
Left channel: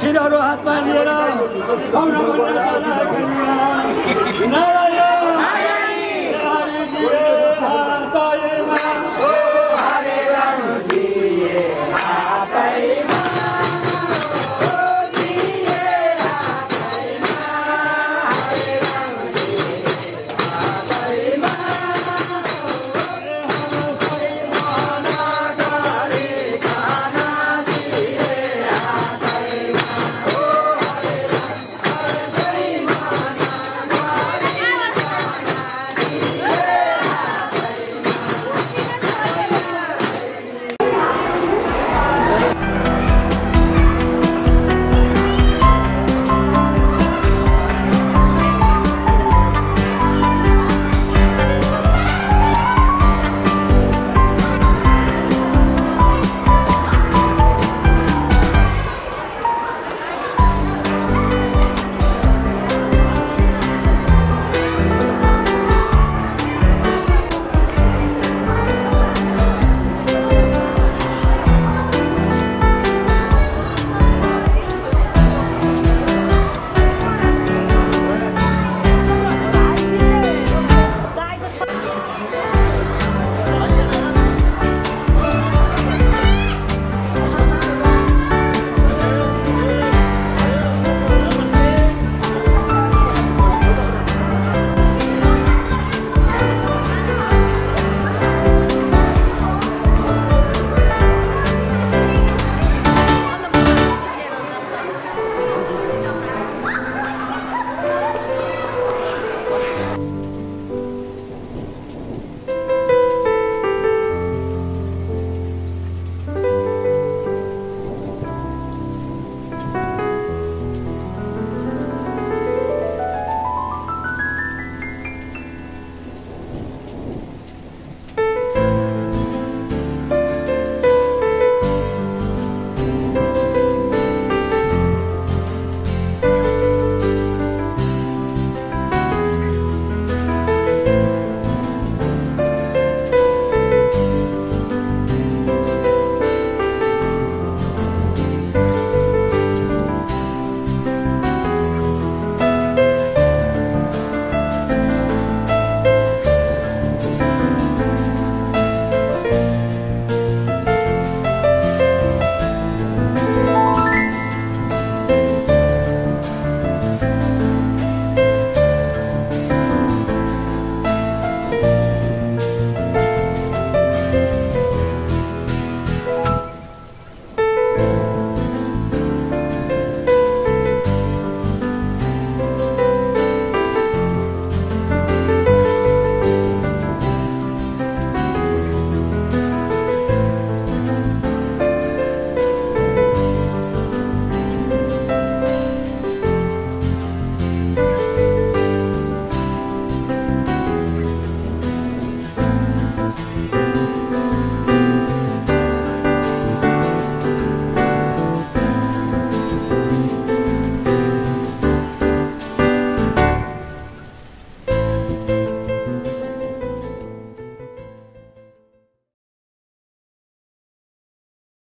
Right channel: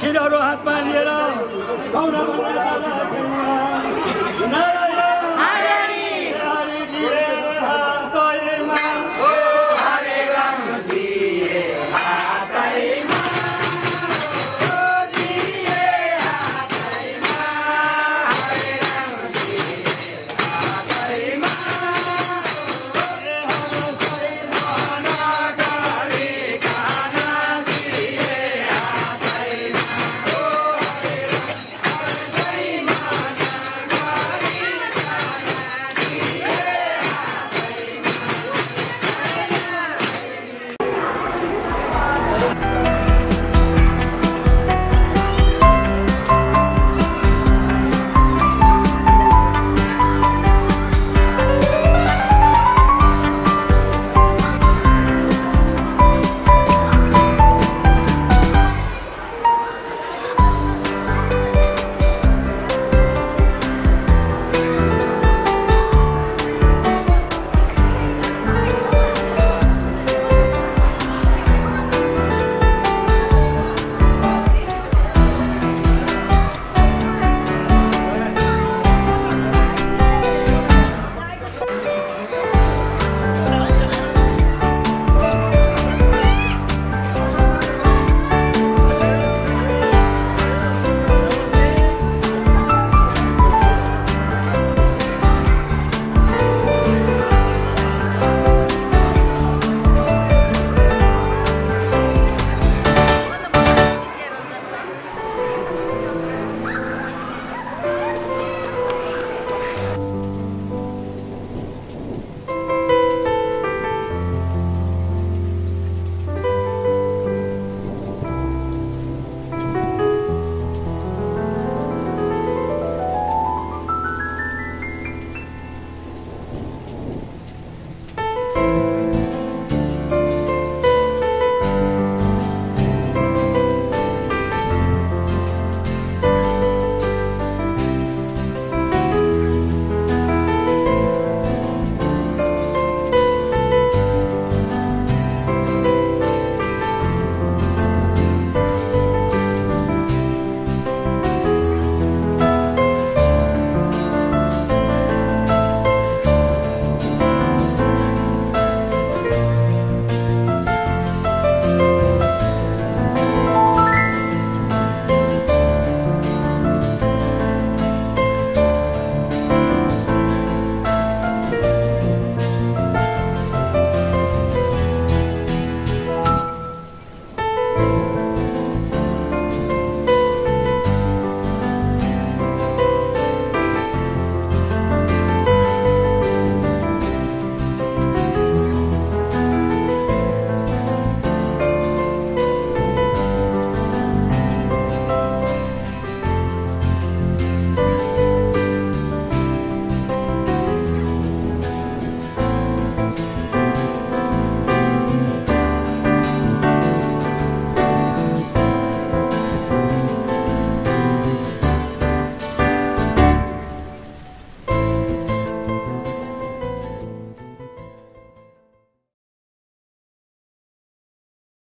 खिरहरू हातमा लिएर